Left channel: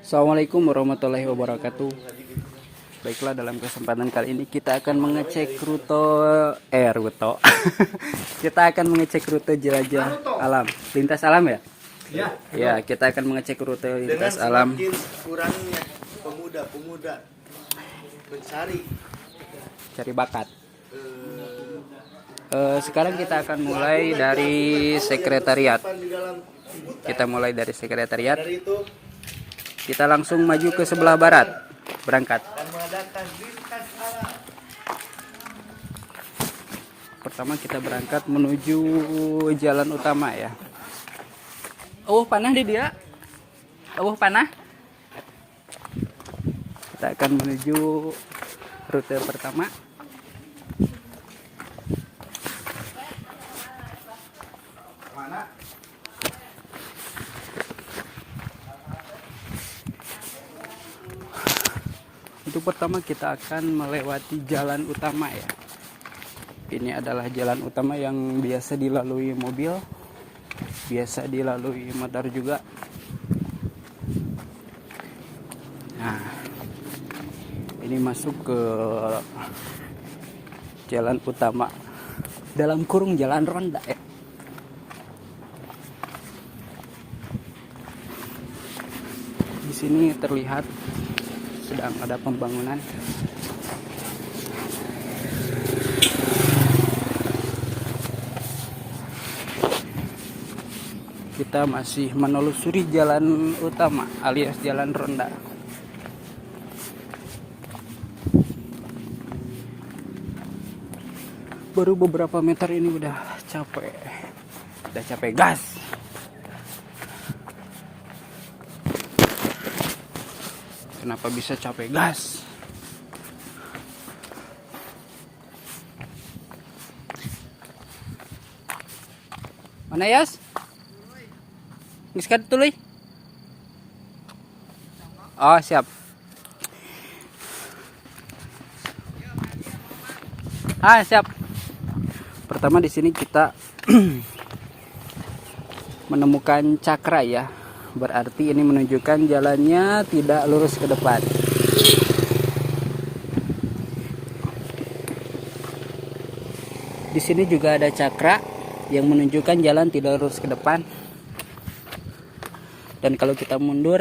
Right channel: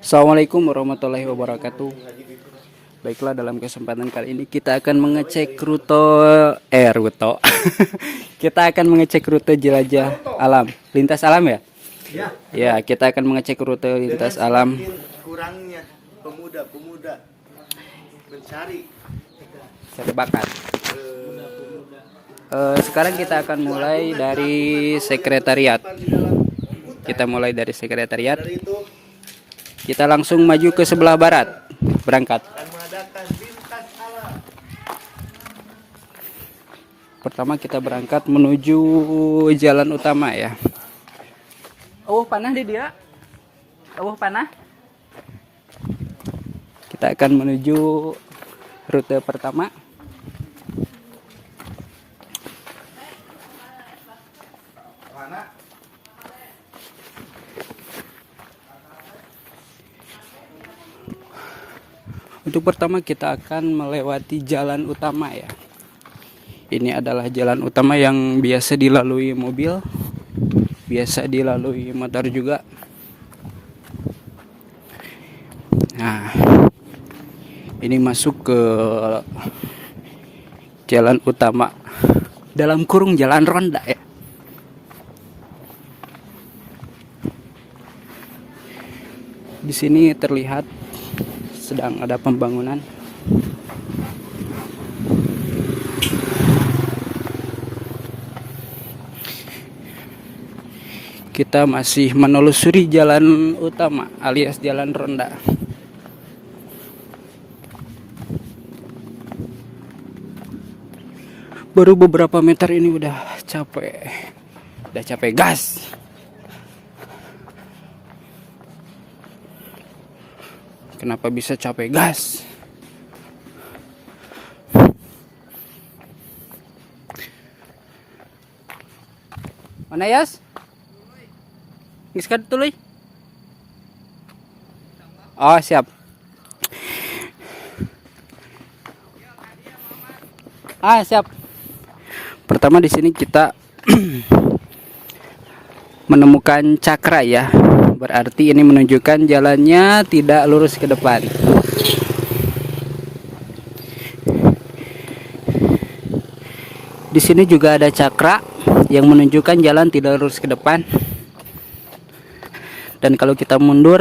Assalamualaikum warahmatullahi wabarakatuh. Baiklah, dalam kesempatan kali ini kita akan mengecek rute kita akan mengecek rute jelajah alam, lintas alam ya. Ya, Ya, kita akan mengecek rute lintas alam. kurangnya pemuda-pemuda mencari Cari bakat. Sekarang kita akan mulai dari sekretariat. Kita mulai dari sekretariat. dari itu Kita langsung maju ke sebelah barat. Berangkat. mengadakan lintas alam. Pertama kita berangkat menuju jalan utama ya. Oh, panah di dia. Oh, panah. Kita akan menuju rute pertama. Mana? Untuk pertama kita akan melewati jalan utama ya. Ini adalah jalan utama yang biasa dilalui mobil, biasa dilalui motor juga. Nah, ini masuk ke jalan utama, dalam kurung jalan ronda ya. Di sini terlihat sedang ada pembangunan. Kita masih menelusuri jalan utama alias jalan ronda. Baru beberapa meter ini udah capek gas. Kenapa bisa capek gas? Mana Yas? Iskat tuloy. Oh, siap. Siap. Pertama di sini kita menemukan cakra ya. Berarti ini menunjukkan jalannya tidak lurus ke depan. Di sini juga ada cakra yang menunjukkan jalan tidak lurus ke depan. Dan kalau kita mundur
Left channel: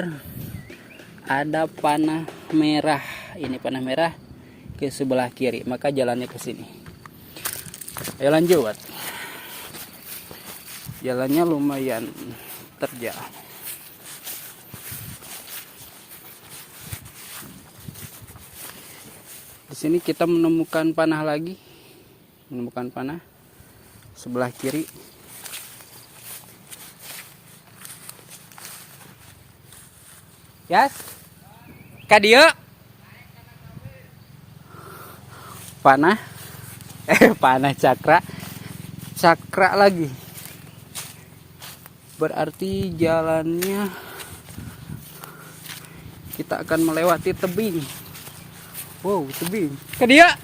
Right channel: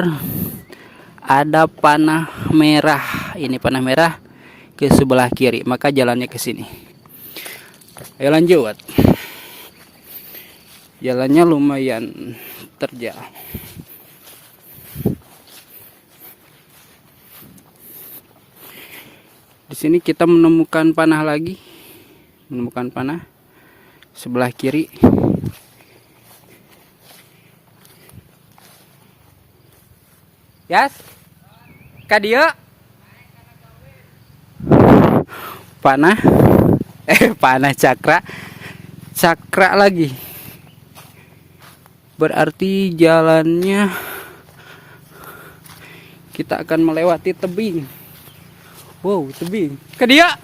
ada panah merah. Ini panah merah ke sebelah kiri, maka jalannya ke sini. Ayo lanjut. Jalannya lumayan terjal. Di sini kita menemukan panah lagi. Menemukan panah sebelah kiri. Yas. Kadio. Panah. Panah cakra. Cakra lagi. Berarti jalannya kita akan melewati tebing. Wow, tebing. Ke dia.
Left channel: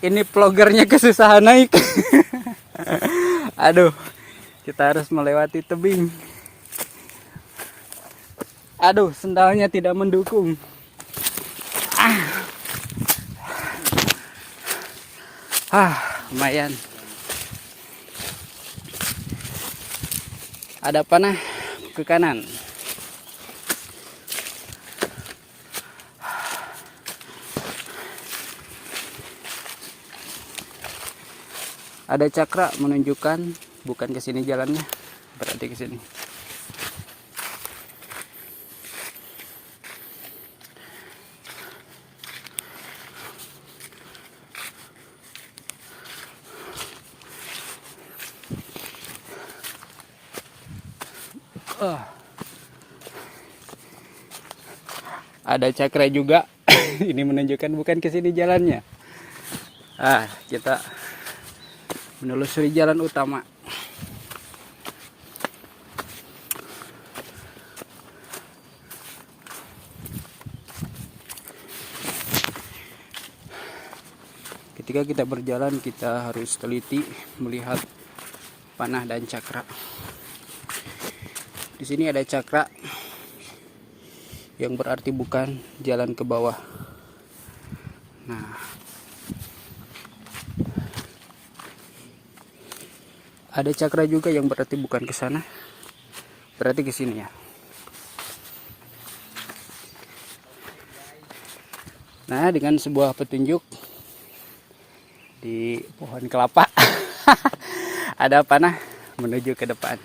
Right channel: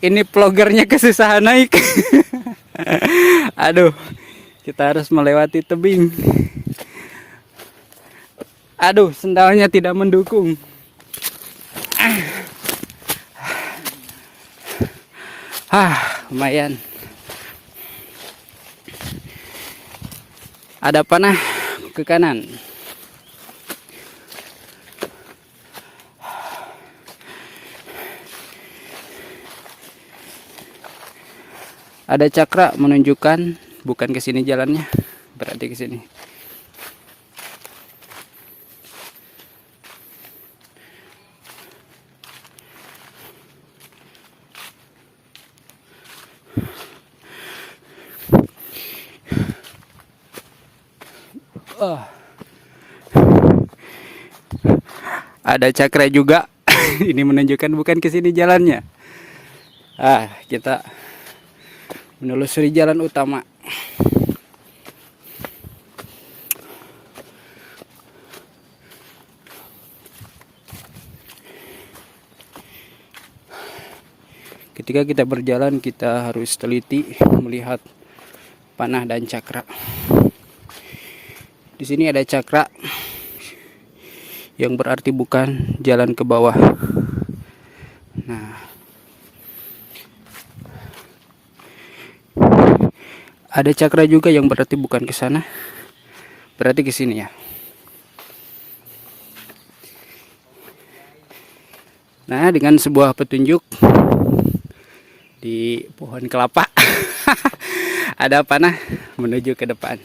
Ini vlogernya kesusahan naik. Aduh, kita harus melewati tebing. Aduh, sendalnya tidak mendukung. Lumayan. Ada panah ke kanan. Ada cakra menunjukkan bukan ke sini jalannya, berarti ke sini. Oh. Ada cakra juga. Ini menunjukkan bukan ke sini jalannya. Kita menelusuri jalan utama. Ketika kita berjalan, kita harus teliti melihat panah dan cakra. Di Di sini ada cakra yang berarti bukan jalan ke bawah. Nah, ada cakra juga yang berarti bukan ke sana, berarti ke sini ya. Nah, dengan sebuah petunjuk di pohon kelapa ada panah menuju ke depan.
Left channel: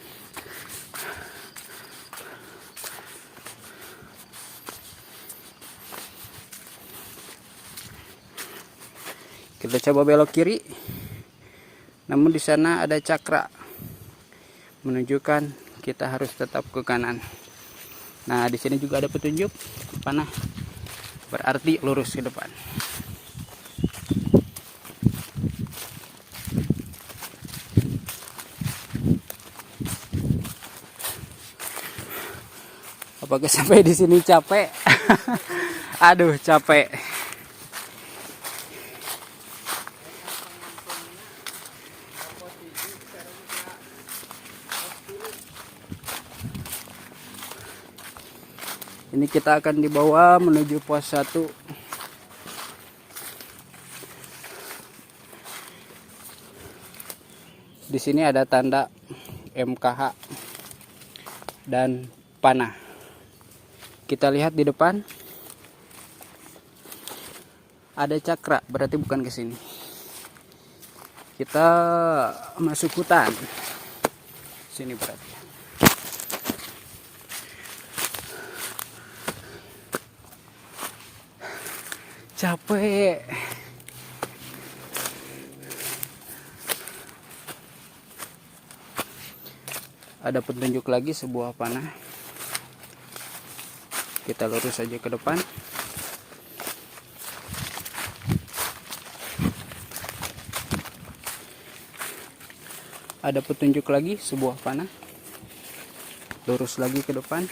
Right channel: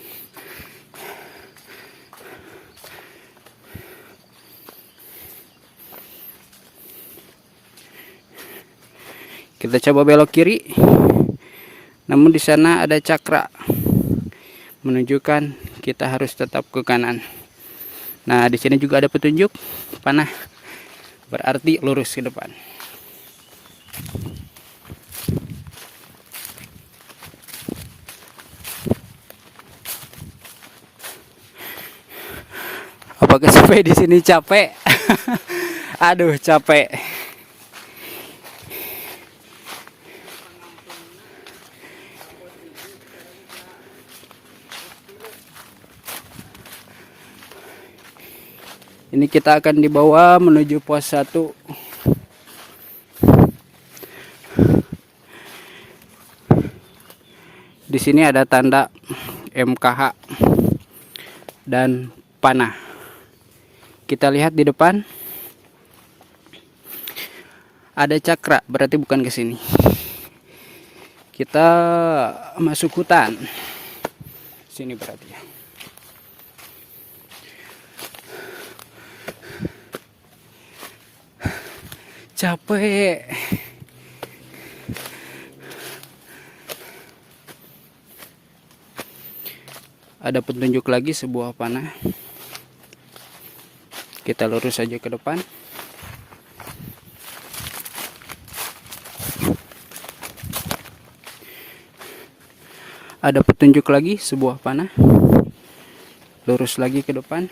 Kita coba belok kiri, namun di sana ada cakra menunjukkan kita harus tetap ke kanan. Nah, di sini juga ada petunjuk panah, berarti lurus ke depan. Apakah sampai di sini capek? Aduh, capek. Ini kita akan dibawa menuju pos 1. Di sini ada tanda MKH dan panah. Kita lihat di depan ada cakra, berarti bukan ke sini. Kita masuk hutan. Sini berarti ya. Capek. Ada petunjuk lagi, sebuah panah. Kita lurus saja ke depan. Ada petunjuk lagi, sebuah panah. Lurus lagi ke depan.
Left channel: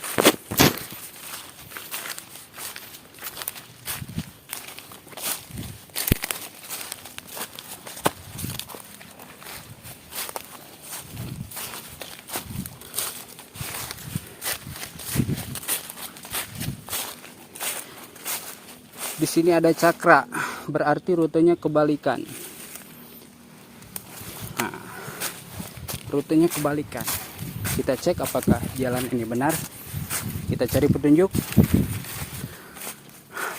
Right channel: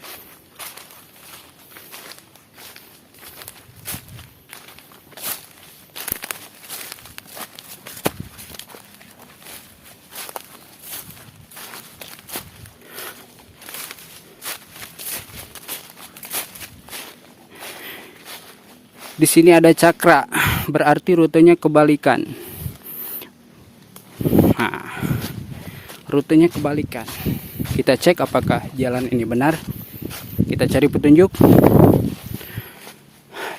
Di sini ada cakra, berarti rutenya kebalikan. Nah, rutenya kebalikan. Kita cek apakah jalan ini benar. Kita cari petunjuk.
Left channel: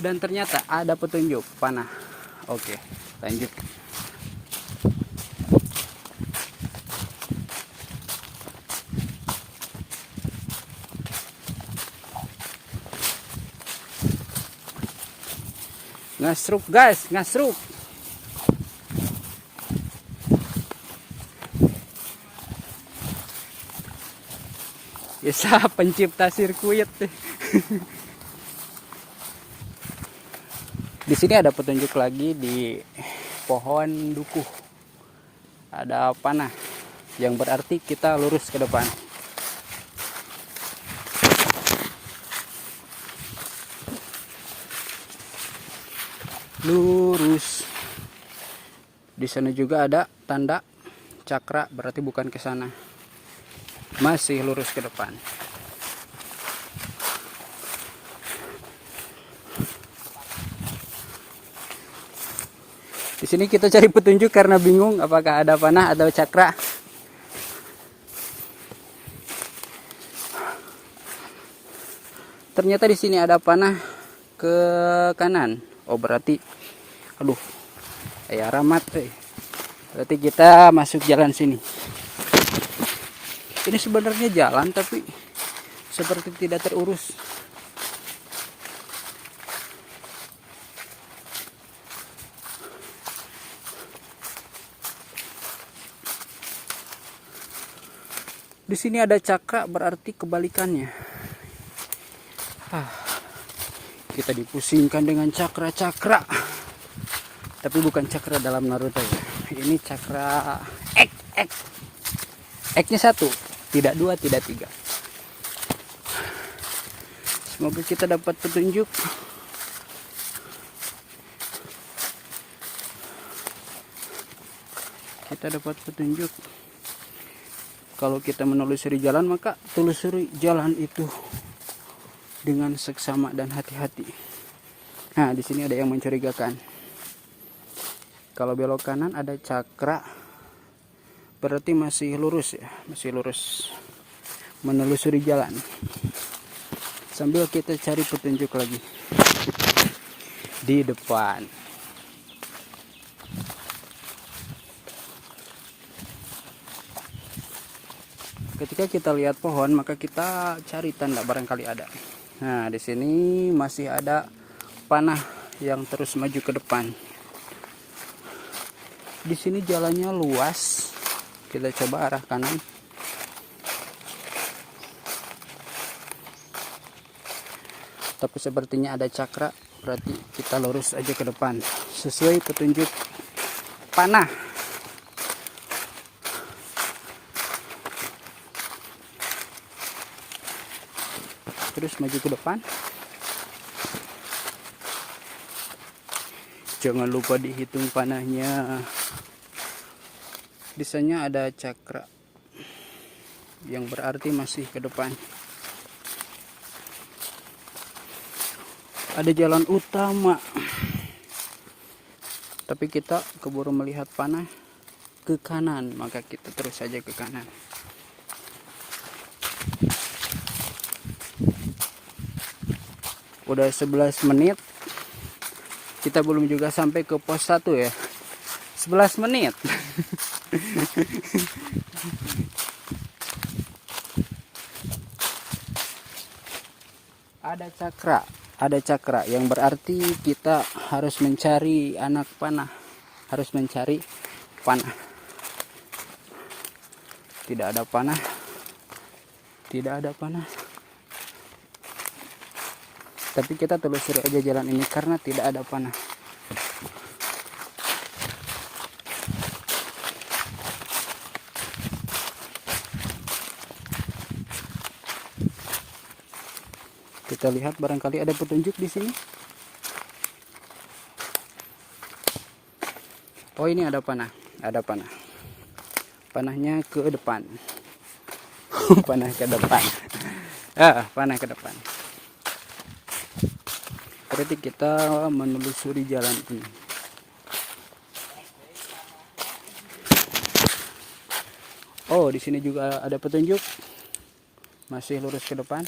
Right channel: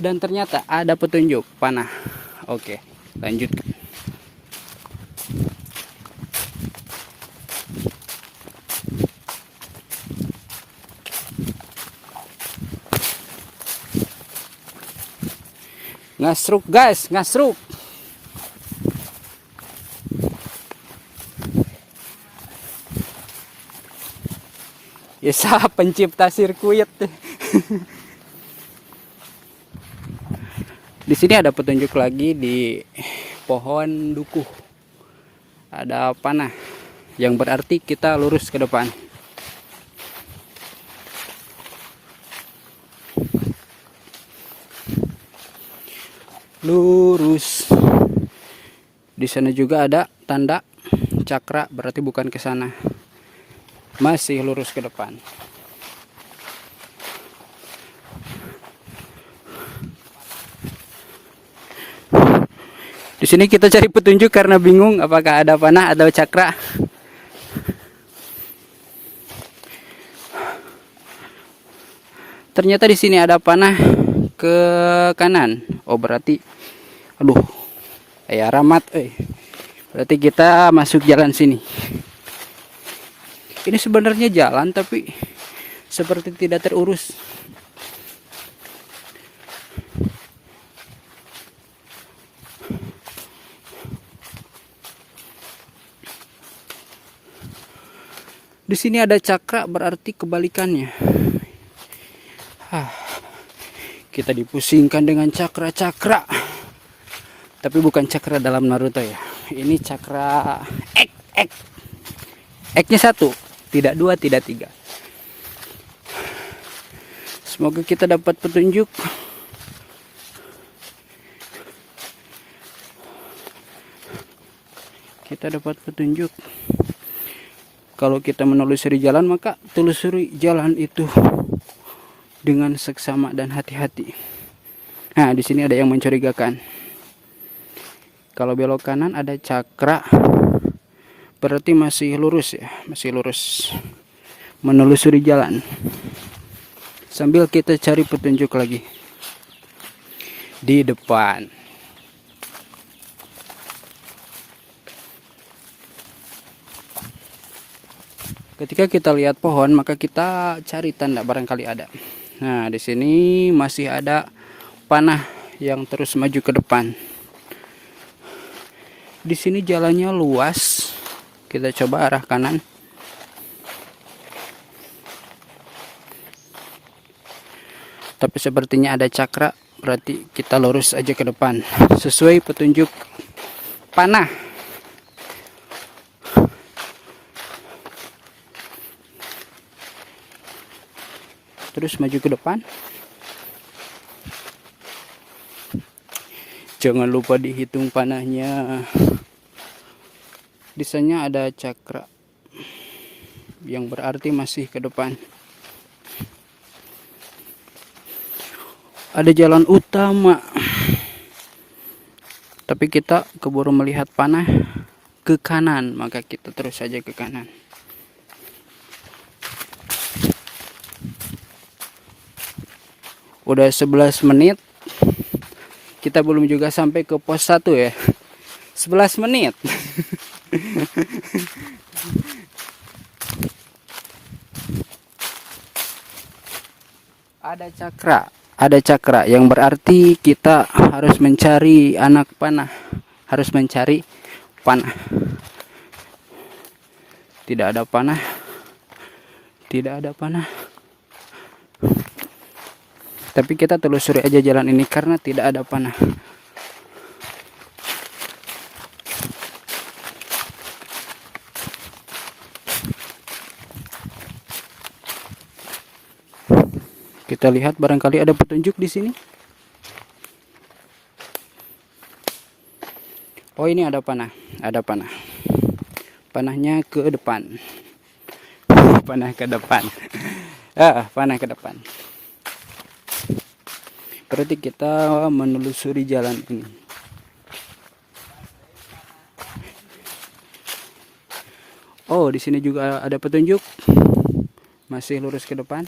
Dan ternyata ada petunjuk panah. Oke, lanjut. Ngasruk guys, ngasruk. Ya salah pencipta sirkuit. Di sini ada petunjuk lagi di pohon dukuh. Ada panah yang berarti kita lurus ke depan. Lurus. Di sana juga ada tanda cakra, berarti bukan ke sana. Masih lurus ke depan. Di sini kita cari petunjuk karena bingung apakah ada panah atau cakra. Ternyata di sini ada panah ke kanan. Oh, berarti aduh. Ramat. Berarti kita masuk jalan sini. Ini sebenarnya jalan tapi seperti tidak terurus. Di sini ada cakra, berarti kebalikannya. Kita dipusingkan dengan cakra-cakra. Tapi bukan cakra dalam Naruto ya. Ini cakra X. X-nya 1, tidak 2, tidak 3. Semoga kita dapat petunjuk. Kita dapat petunjuk. Kalau kita menelusuri jalan, maka telusuri jalan itu dengan seksama dan hati-hati. Nah, di sini ada yang mencurigakan. Kalau belok kanan ada cakra, berarti masih lurus ya, masih lurus. Menelusuri jalan. Sambil kita cari petunjuk lagi di depan. Ketika kita lihat pohon, maka kita cari tanda barangkali ada. Nah, di sini masih ada panah yang terus maju ke depan. Di sini jalannya luas. Kita coba arah kanan. Tapi sepertinya ada cakra, berarti kita lurus aja ke depan sesuai petunjuk panah. Terus maju ke depan. Jangan lupa dihitung panahnya. Di sana ada cakra, yang berarti masih ke depan. Ada jalan utama, tapi kita keburu melihat panah ke kanan, maka kita terus saja ke kanan. Udah 11 menit, kita belum juga sampai ke pos 1 ya. 11 menit. Ada cakra yang berarti kita harus mencari anak panah, harus mencari panah. Tidak ada panah, tidak ada panah. Tapi kita telusuri aja jalan ini karena tidak ada panah. Kita lihat barangkali ada petunjuk di sini. Oh, ini ada panah, ada panah. Panahnya ke depan. Panah ke depan. Panah ke depan. Berarti kita menelusuri jalan ini. Oh, di sini juga ada petunjuk. Masih lurus ke depan.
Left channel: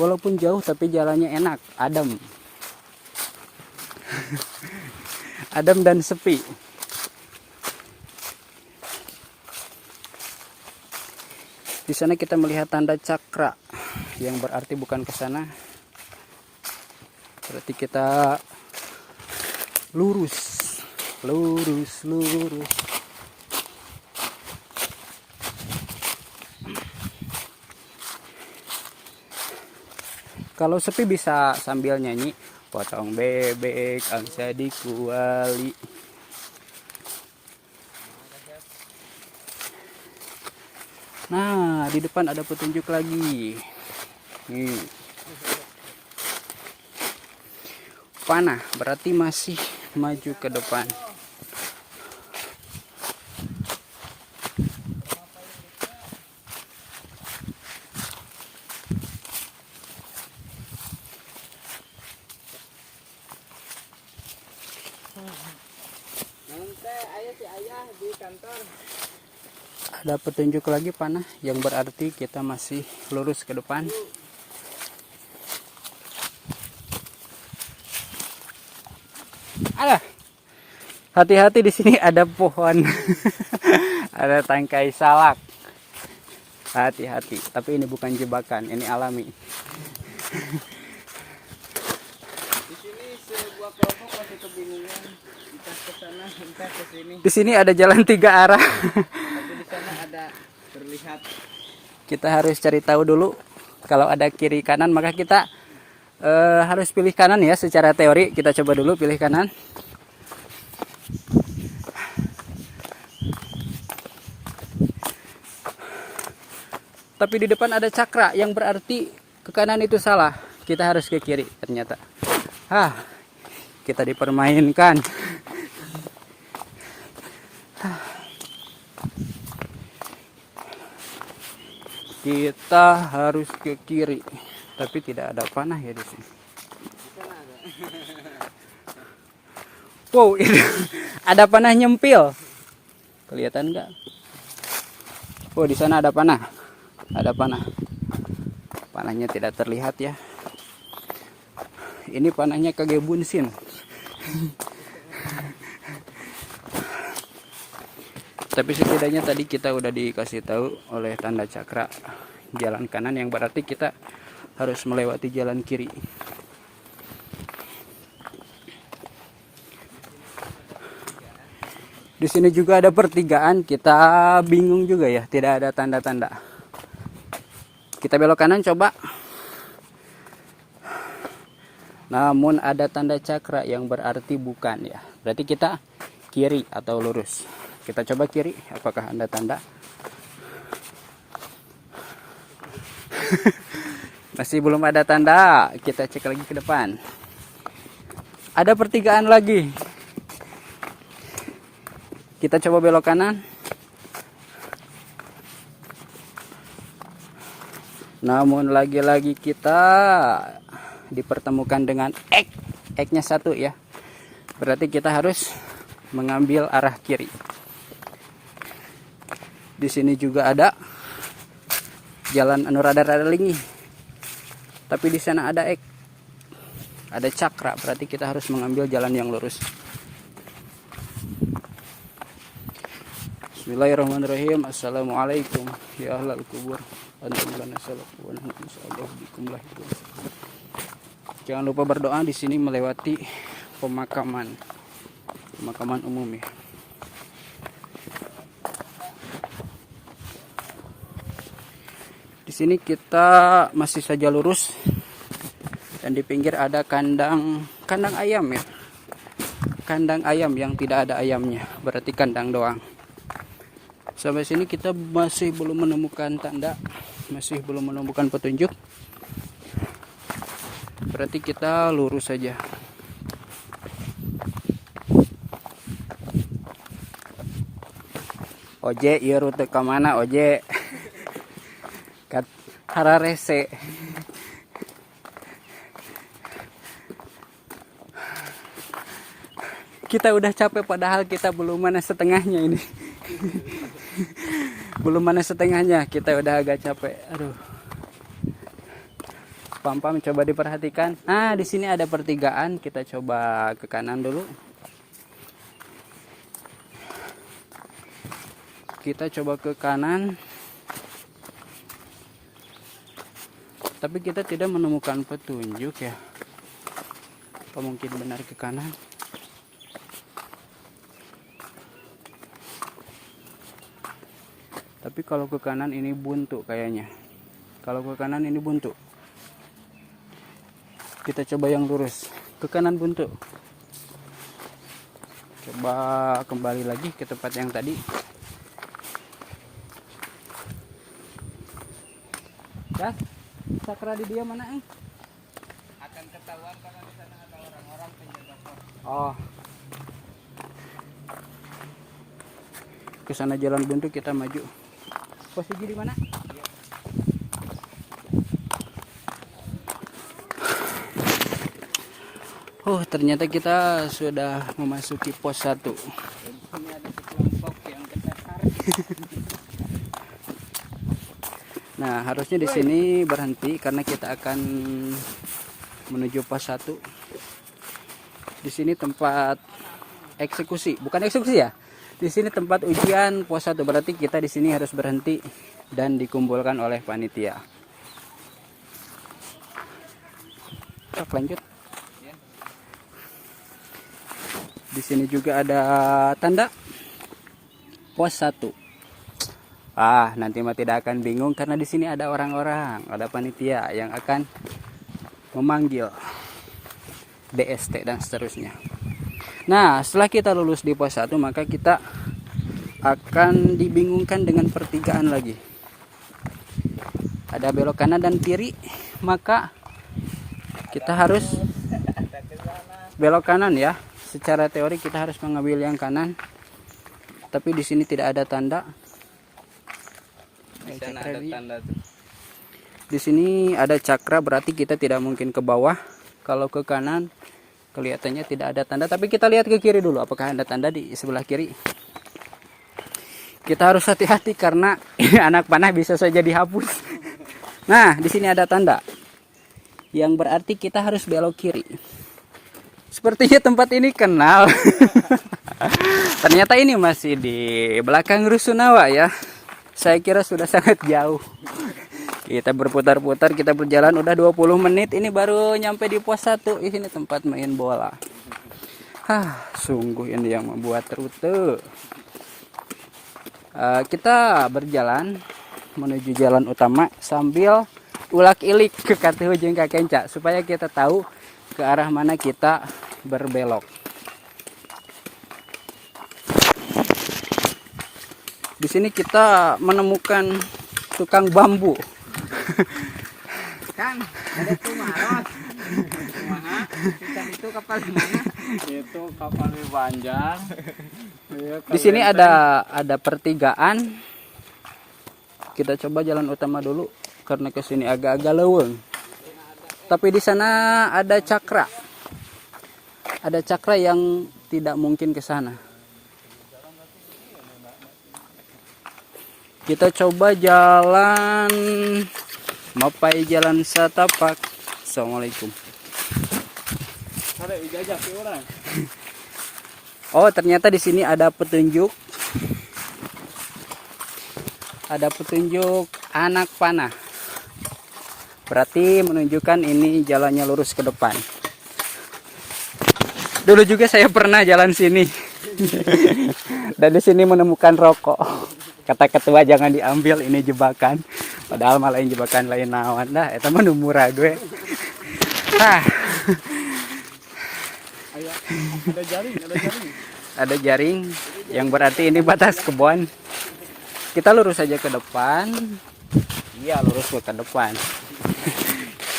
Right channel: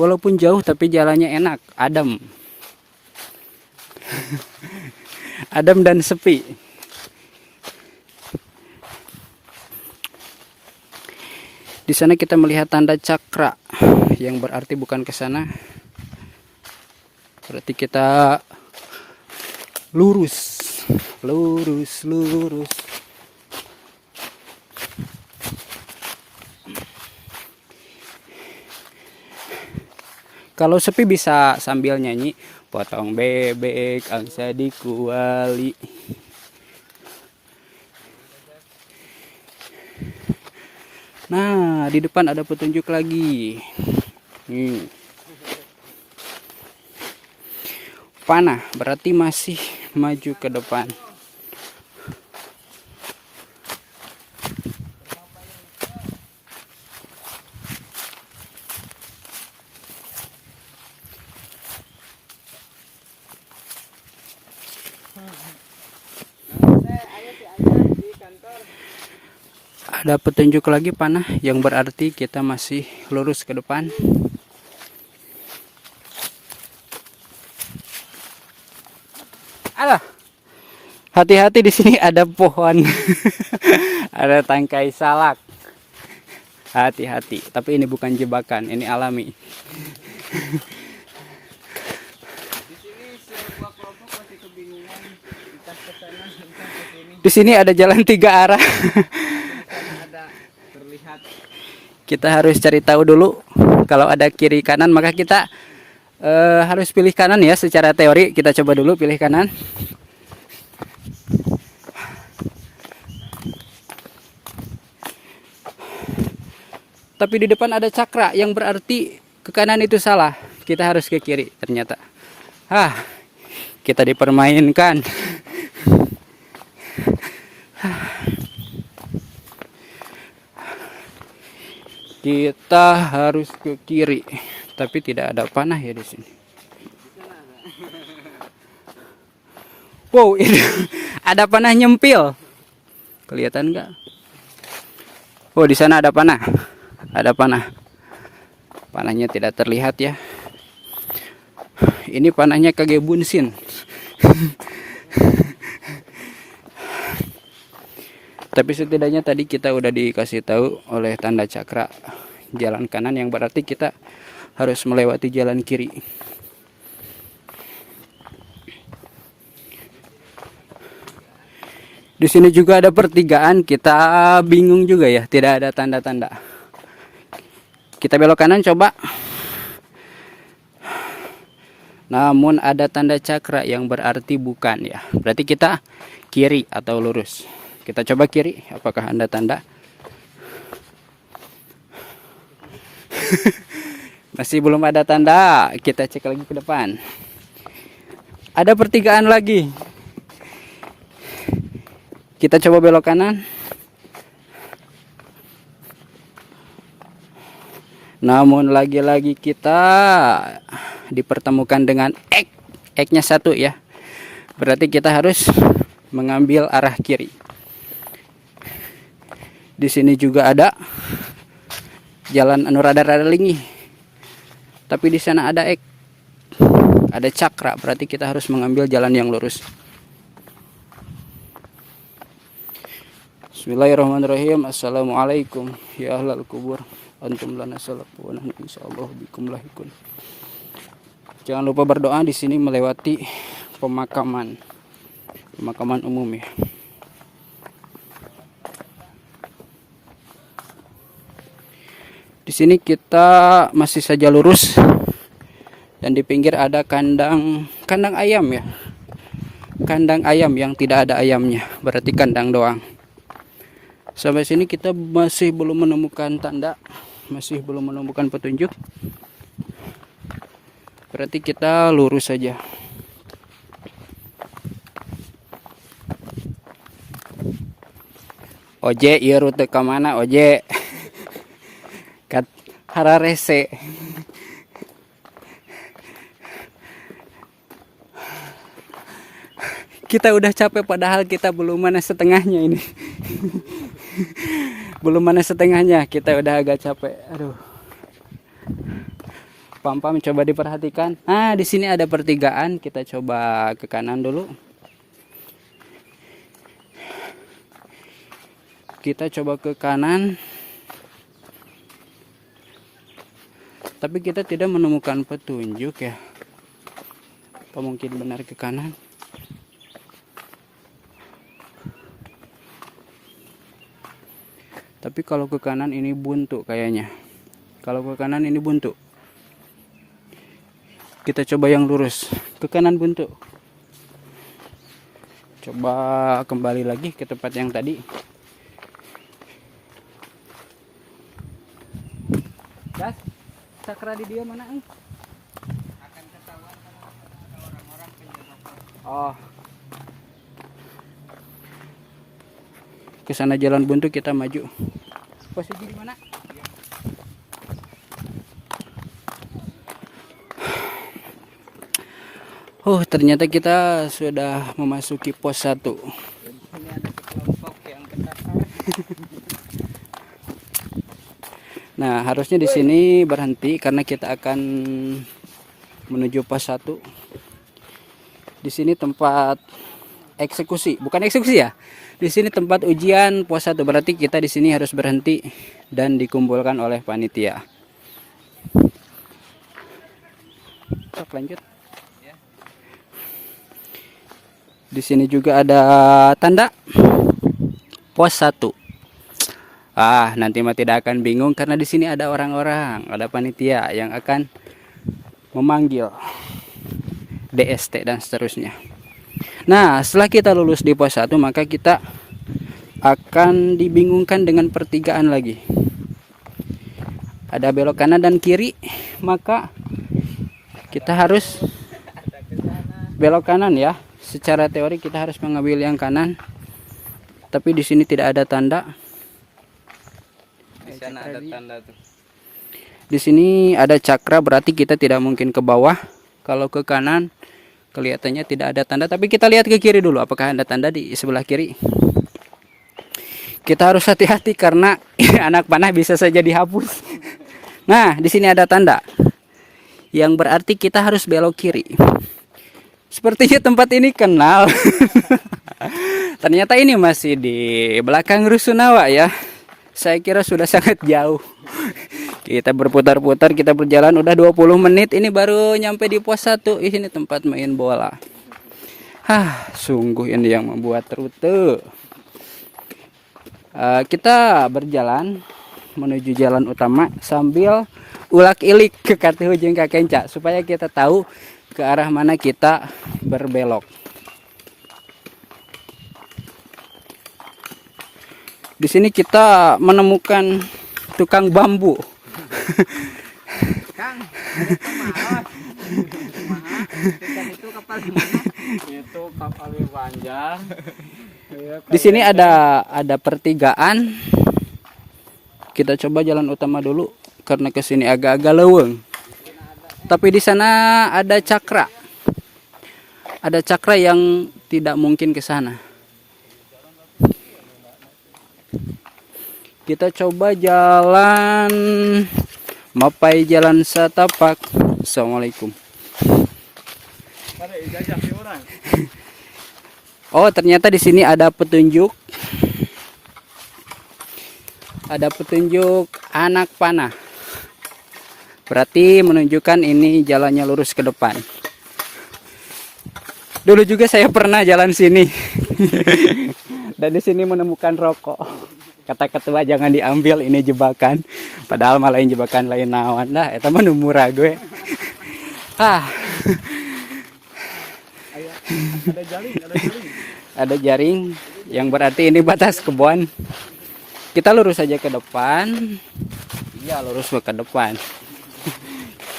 Walaupun jauh tapi jalannya enak, adem. Adem dan sepi. Di sana kita melihat tanda cakra, yang berarti bukan ke sana. Berarti kita lurus, lurus, lurus. Kalau sepi bisa sambil nyanyi, potong bebek angsa dikuali. Nah, di depan ada petunjuk lagi. Panah berarti masih maju ke depan. Ada petunjuk lagi panah, yang berarti kita masih lurus ke depan. Alah, hati-hati, di sini ada pohon. Ada tangkai salak. Hati-hati, tapi ini bukan jebakan, ini alami. Di sini ada jalan 3 arah. Kita harus cari tahu dulu. Kalau ada kiri kanan, maka kita harus pilih kanan ya. Secara teori kita coba dulu pilih kanan. Tapi di depan ada cakra, yang berarti ke kanan itu salah. Kita harus ke kiri ternyata. Kita dipermainkan. Kita harus ke kiri, tapi tidak ada panah ya di sini. Wow, itu ada panah nyempil. Kelihatan nggak? Oh, di sana ada panah. Ada panah. Panahnya tidak terlihat ya. Ini panahnya kage bunsin. Tapi setidaknya tadi kita udah dikasih tahu oleh tanda cakra jalan kanan, yang berarti kita harus melewati jalan kiri. Di sini juga ada pertigaan, kita bingung juga ya, tidak ada tanda-tanda. Kita belok kanan coba. Namun ada tanda cakra yang berarti bukan ya. Berarti kita kiri atau lurus. Kita coba kiri, apakah ada tanda? Masih belum ada tanda. Kita cek lagi ke depan. Ada pertigaan lagi. Kita coba belok kanan. Namun lagi-lagi kita dipertemukan dengan X. X-nya 1 ya. Berarti kita harus mengambil arah kiri. Di sini juga ada jalan anu rada-rada lingi. Tapi di sana ada X. Ada cakra, berarti kita harus mengambil jalan yang lurus. Bismillahirrahmanirrahim. Assalamualaikum ya ahlal kubur. Antum lana salatu wa nahnu insyaallah bikum lahikum. Jangan lupa berdoa di sini melewati pemakaman umum ya. Di sini kita masih saja lurus dan di pinggir ada kandang ayam ya. Kandang ayam yang tidak ada ayamnya, berarti kandang doang. Sampai sini kita masih belum menemukan tanda, masih belum menemukan petunjuk. Berarti kita lurus saja. Oje, iya rute ke mana Oje? Hararese. Kita udah capek padahal kita belum mana setengahnya ini. Belum mana setengahnya, kita udah agak capek. Aduh. Pam-pam coba diperhatikan. Nah, di sini ada pertigaan, kita coba ke kanan dulu. Kita coba ke kanan. Tapi kita tidak menemukan petunjuk ya. Apa mungkin benar ke kanan? Tapi kalau ke kanan ini buntu kayaknya. Kalau ke kanan ini buntu. Kita coba yang lurus. Ke kanan buntu. Coba kembali lagi ke tempat yang tadi. Das, cakra di dia mana? Akan ketahuan karena di sana ada orang-orang penjaga pos. Oh. Ke sana jalan buntu, kita maju. Posisi di mana? Ternyata kita sudah memasuki pos 1. Ini ada kelompok yang terdaftar. Nah, harusnya di sini berhenti karena kita akan menuju pos 1. Di sini tempat eksekusi, bukan eksekusi ya. Di sini tempat ujian pos 1, berarti kita di sini harus berhenti dan dikumpulkan oleh panitia. Sok lanjut. Di sini juga ada tanda pos 1. Nanti mah tidak akan bingung karena di sini ada orang-orang, ada panitia yang akan memanggil DST dan seterusnya. Nah, setelah kita lulus di pos 1, maka kita akan dibingungkan dengan pertigaan lagi. Ada belok kanan dan kiri, maka kita harus belok kanan ya. Secara teori kita harus mengambil yang kanan. Tapi di sini tidak ada tanda. sana ada tanda tuh. Di sini ada cakra, berarti kita tidak mungkin ke bawah. Kalau ke kanan kelihatannya tidak ada tanda, tapi kita lihat ke kiri dulu apakah ada tanda di sebelah kiri. Kita harus hati-hati karena anak panah bisa saja dihapus. Nah, di sini ada tanda. Yang berarti kita harus belok kiri. Sepertinya tempat ini kenal. Ternyata ini masih di belakang Rusunawa ya. Saya kira sudah sangat jauh. Kita berputar-putar, kita berjalan udah 20 menit. Ini baru nyampe di pos 1. Ini tempat main bola. Sungguh ini yang membuat rute. Kita berjalan menuju jalan utama sambil ulak-ilik ke Katihu jeung ka Kenca supaya kita tahu ke arah mana kita berbelok. Di sini kita menemukan tukang bambu. Kang, itu maros. Kumaha? Itu kapal mana? Itu kapal panjang. Di sini ada pertigaan. Kita coba jalan utama dulu karena ke sini agak-agak leuweung. Tapi di sana ada cakra. Ada cakra yang tidak mungkin ke sana. Kita coba jalan Mapai Jalan Satapak. Assalamualaikum. Ada ijazah sih orang. Oh, ternyata di sini ada petunjuk. Ada petunjuk anak panah. Berarti menunjukkan ini jalannya lurus ke depan. Dulu juga saya pernah jalan sini. Dan di sini menemukan rokok. Kata ketua jangan diambil, ini jebakan. Padahal malah lain jebakan lain nawan dah. Eta mah nu murah gue. Ada jaring. Ada jaring yang berarti ini batas kebun. Kita lurus saja ke depan. Iya, lurus ke depan.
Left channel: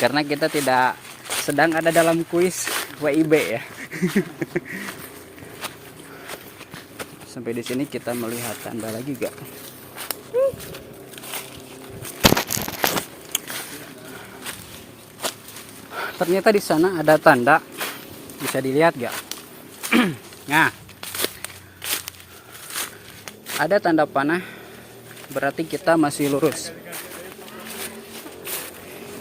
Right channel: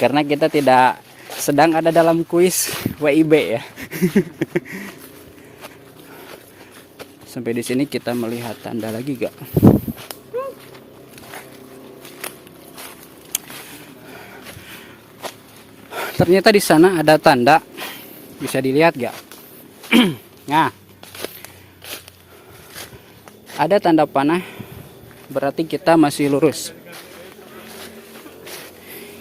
Karena kita tidak sedang ada dalam kuis WIB ya. Sampai di sini kita melihat tanda lagi gak? Ternyata di sana ada tanda. Bisa dilihat gak? Nah, ada tanda panah. Berarti kita masih lurus.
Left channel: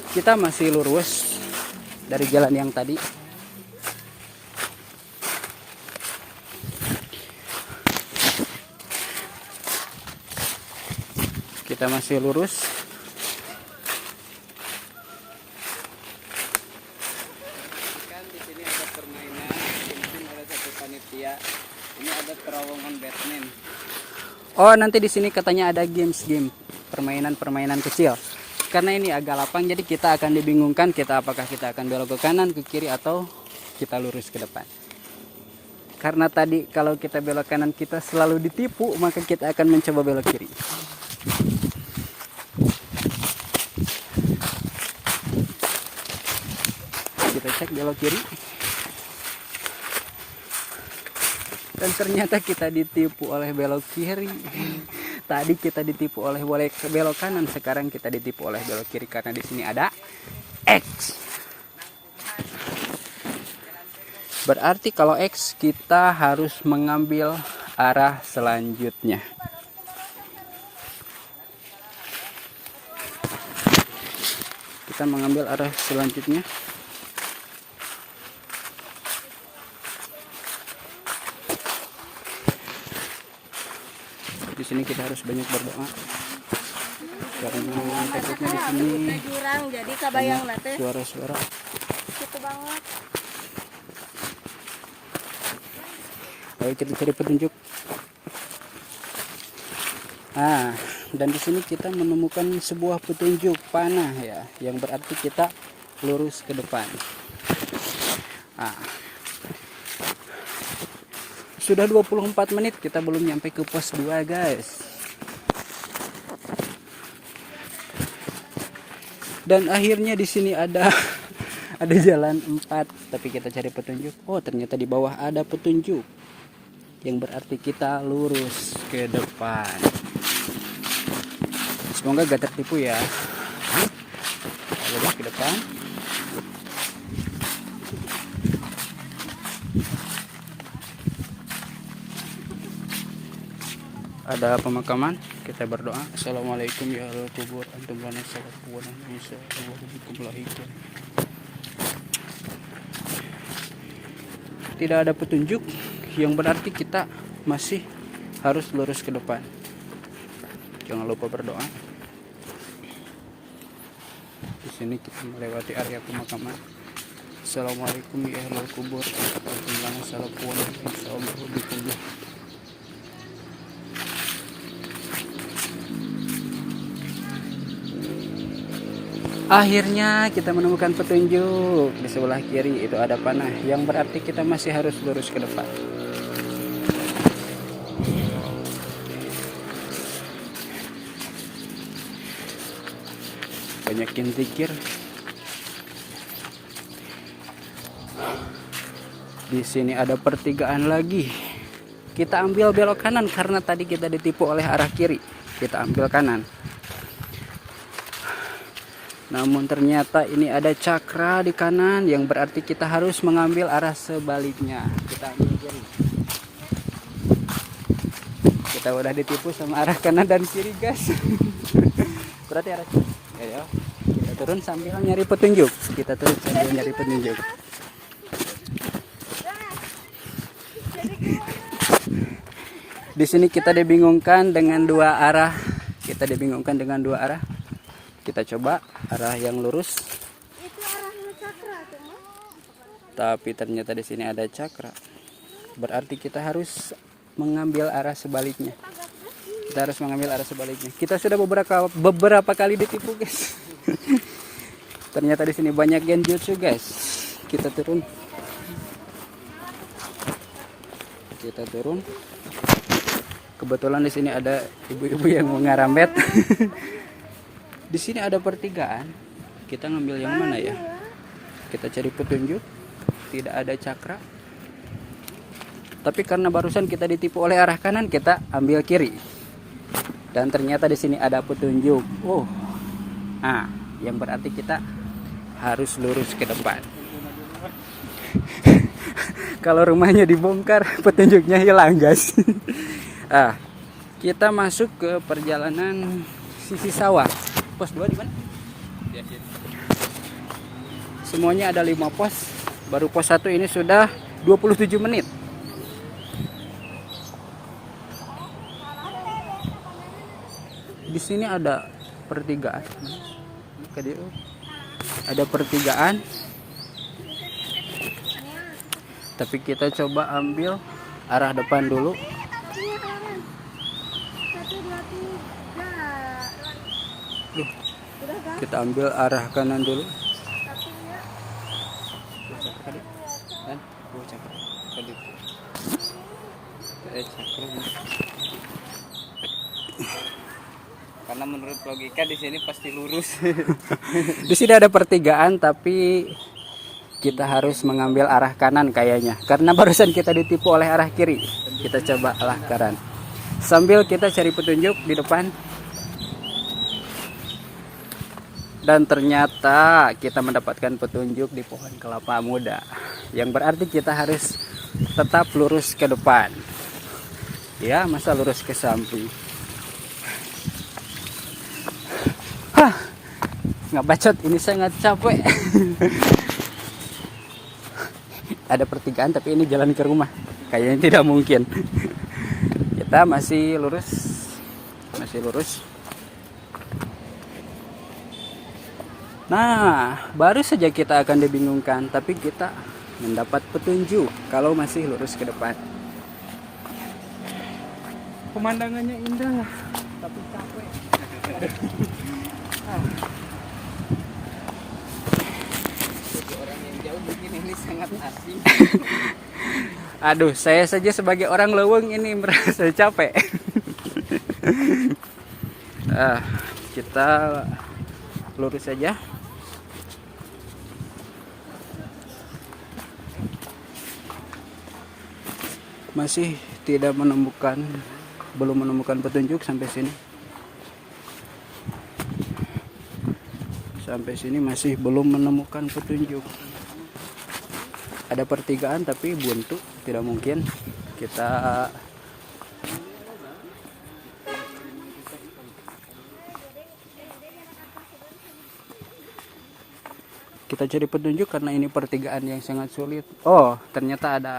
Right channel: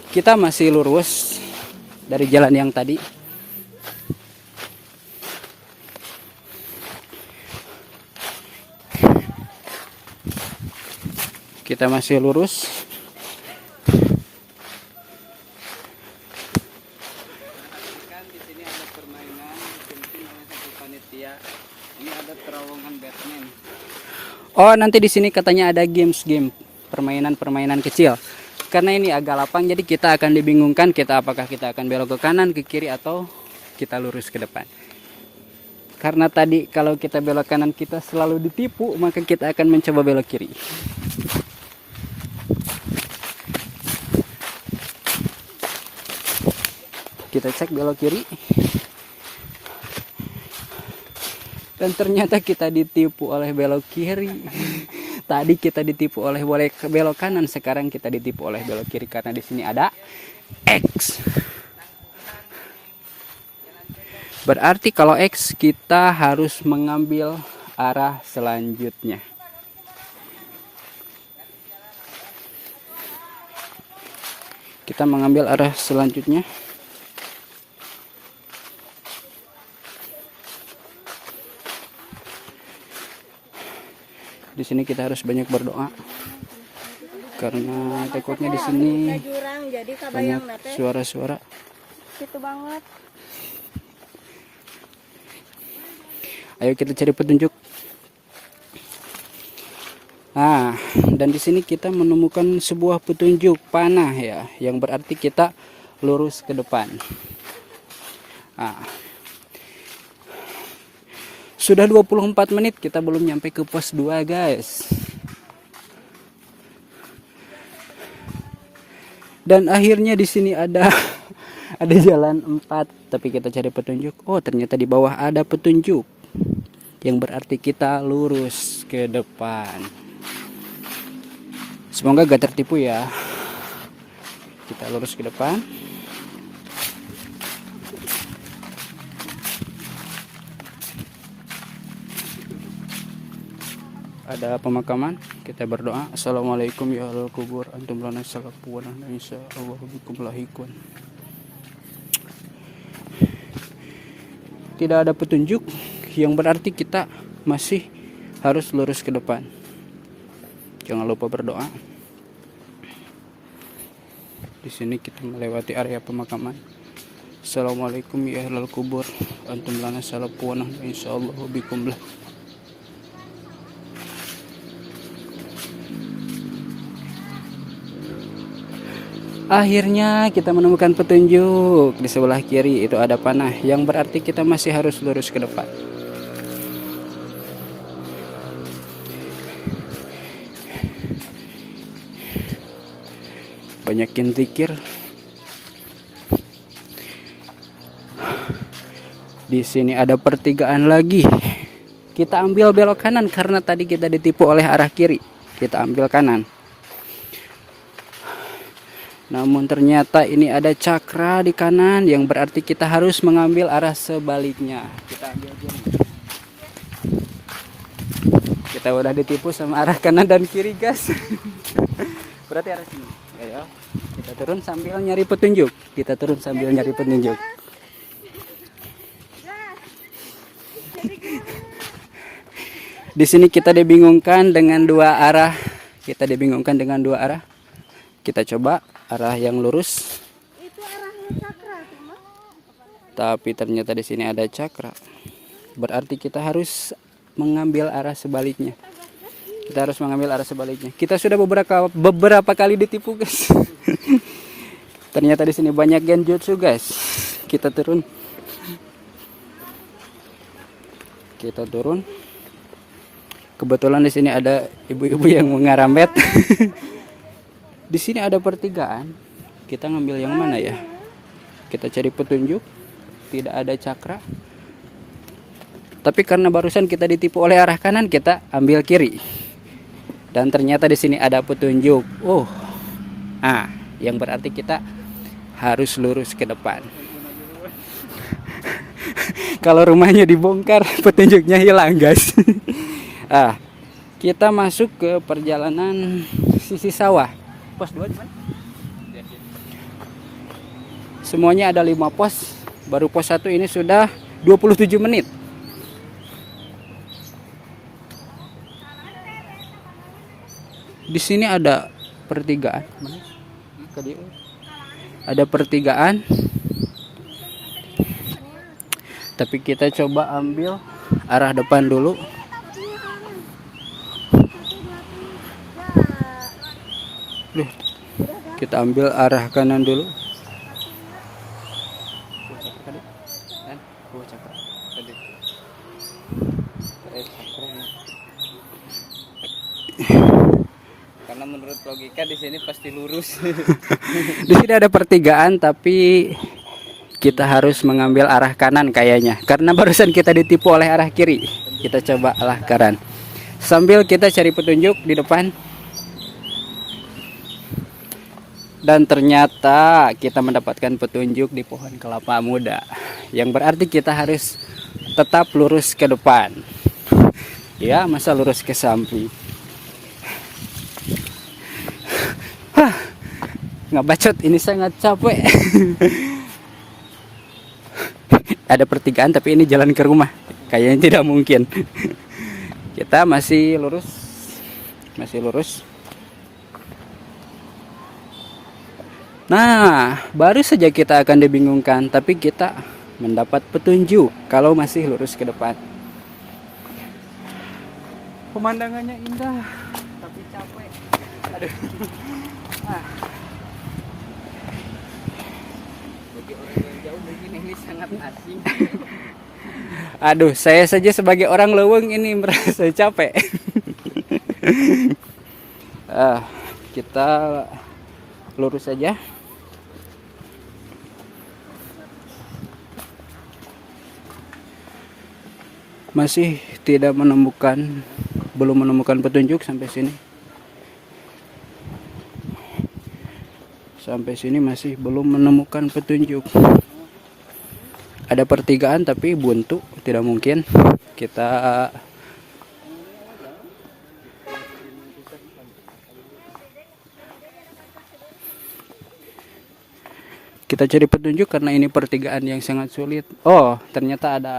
Kita masih lurus dari jalan yang tadi. Kita masih lurus. Di sini ada permainan dibikin oleh satu panitia. Ini ada terowongan Batman. Oh, nanti di sini katanya ada game, permainan kecil. Karena ini agak lapang, jadi kita akan dibingungkan apakah kita akan belok ke kanan, ke kiri, atau kita lurus ke depan. Karena tadi kalau kita belok kanan kita selalu ditipu, maka kita akan mencoba belok kiri. Kita cek belok kiri. Dan ternyata kita ditipu oleh belok kiri. Tadi kita ditipu oleh belok kanan, sekarang kita ditipu oleh belok kiri karena di sini ada X. Berarti kalau X kita harus mengambil arah selanjutnya. Kita mengambil arah selanjutnya. Di sini kita harus banyak berdoa karena takutnya di sini jadi kabayang nate suara-suara. gitu banget. Ayo kita cari petunjuk. Nah, dan di sini kita menemukan sebuah petunjuk panah ya, yang berarti kita lurus ke depan. Nah, sudah 24 menit kita belum nyampe ke pos 2, guys. Dan akhirnya di sini ada jalan 4, tapi kita cari petunjuk. Oh, ternyata di bawah ada petunjuk. Yang berarti kita lurus ke depan. Semoga gak tertipu ya. Kita lurus ke depan. Ada pemakaman, kita berdoa. Assalamualaikum ya ahlal kubur antum lana salafuan insya Allah bikum lahikun. Tidak ada petunjuk, yang berarti kita masih harus lurus ke depan. Jangan lupa berdoa. Di sini kita melewati area pemakaman. Assalamualaikum ya ahlal kubur antum lana salafuan insya Allah bikum lahikun. Akhirnya kita menemukan petunjuk. Di sebelah kiri itu ada panah, yang berarti kita masih harus lurus ke depan. Banyakin zikir. Di sini ada pertigaan lagi. Kita ambil belok kanan karena tadi kita ditipu oleh arah kiri. Kita ambil kanan. Namun ternyata ini ada cakra di kanan, yang berarti kita harus mengambil arah sebaliknya. Kita ambil kiri. Kita udah ditipu sama arah kanan dan kiri, guys. Berarti arah kiri. Ayo, kita turun sambil nyari petunjuk. Kita turun sambil nyari petunjuk. Di sini kita dibingungkan dengan dua arah. Kita dibingungkan dengan dua arah. Kita coba arah yang lurus. Itu arahnya cakra, cuma. Tapi ternyata di sini ada cakra. Berarti kita harus mengambil arah sebaliknya. Kita harus mengambil arah sebaliknya. Kita sudah beberapa kali ditipu, guys. Ternyata di sini banyak genjutsu, guys. Kita turun. Kita turun. Kebetulan di sini ada ibu-ibu yang mengarambet. Di sini ada pertigaan. Kita ngambil yang mana ya? Kita cari petunjuk. Tidak ada cakra. Tapi karena barusan kita ditipu oleh arah kanan, kita ambil kiri. Dan ternyata di sini ada petunjuk. Oh. Yang berarti kita harus lurus ke depan. Kalau rumahnya dibongkar, petunjuknya hilang, guys. Kita masuk ke perjalanan sisi sawah. Pos 2 di mana? Semuanya ada 5 pos. Baru pos 1 ini sudah 27 menit. Di sini ada pertigaan. Ada pertigaan. Tapi kita coba ambil arah depan dulu. Kita ambil arah kanan dulu. Karena menurut logika di sini pasti lurus. Di sini ada pertigaan, tapi kita harus mengambil arah kanan kayaknya. Karena barusan kita ditipu oleh arah kiri. Kita coba arah kanan. Sambil kita cari petunjuk di depan. Dan ternyata kita mendapatkan petunjuk di pohon kelapa muda. Yang berarti kita harus tetap lurus ke depan. Ya, masa lurus ke samping. Nggak bacot, ini sangat capek. Ada pertigaan tapi ini jalan ke rumah. Kayaknya tidak mungkin. Kita masih lurus. Masih lurus. Nah, baru saja kita akan dibingungkan, tapi kita mendapat petunjuk kalau masih lurus ke depan. Pemandangannya indah, tapi capek. Aduh. Jadi orang yang jauh begini ini sangat asing. Aduh, saya saja sebagai orang leweng ini merasa capek. Kita lurus saja. Masih belum menemukan petunjuk sampai sini. Sampai sini masih belum menemukan petunjuk. Ada pertigaan tapi buntu, tidak mungkin. Kita cari petunjuk karena ini pertigaan yang sangat sulit. Oh, ternyata ada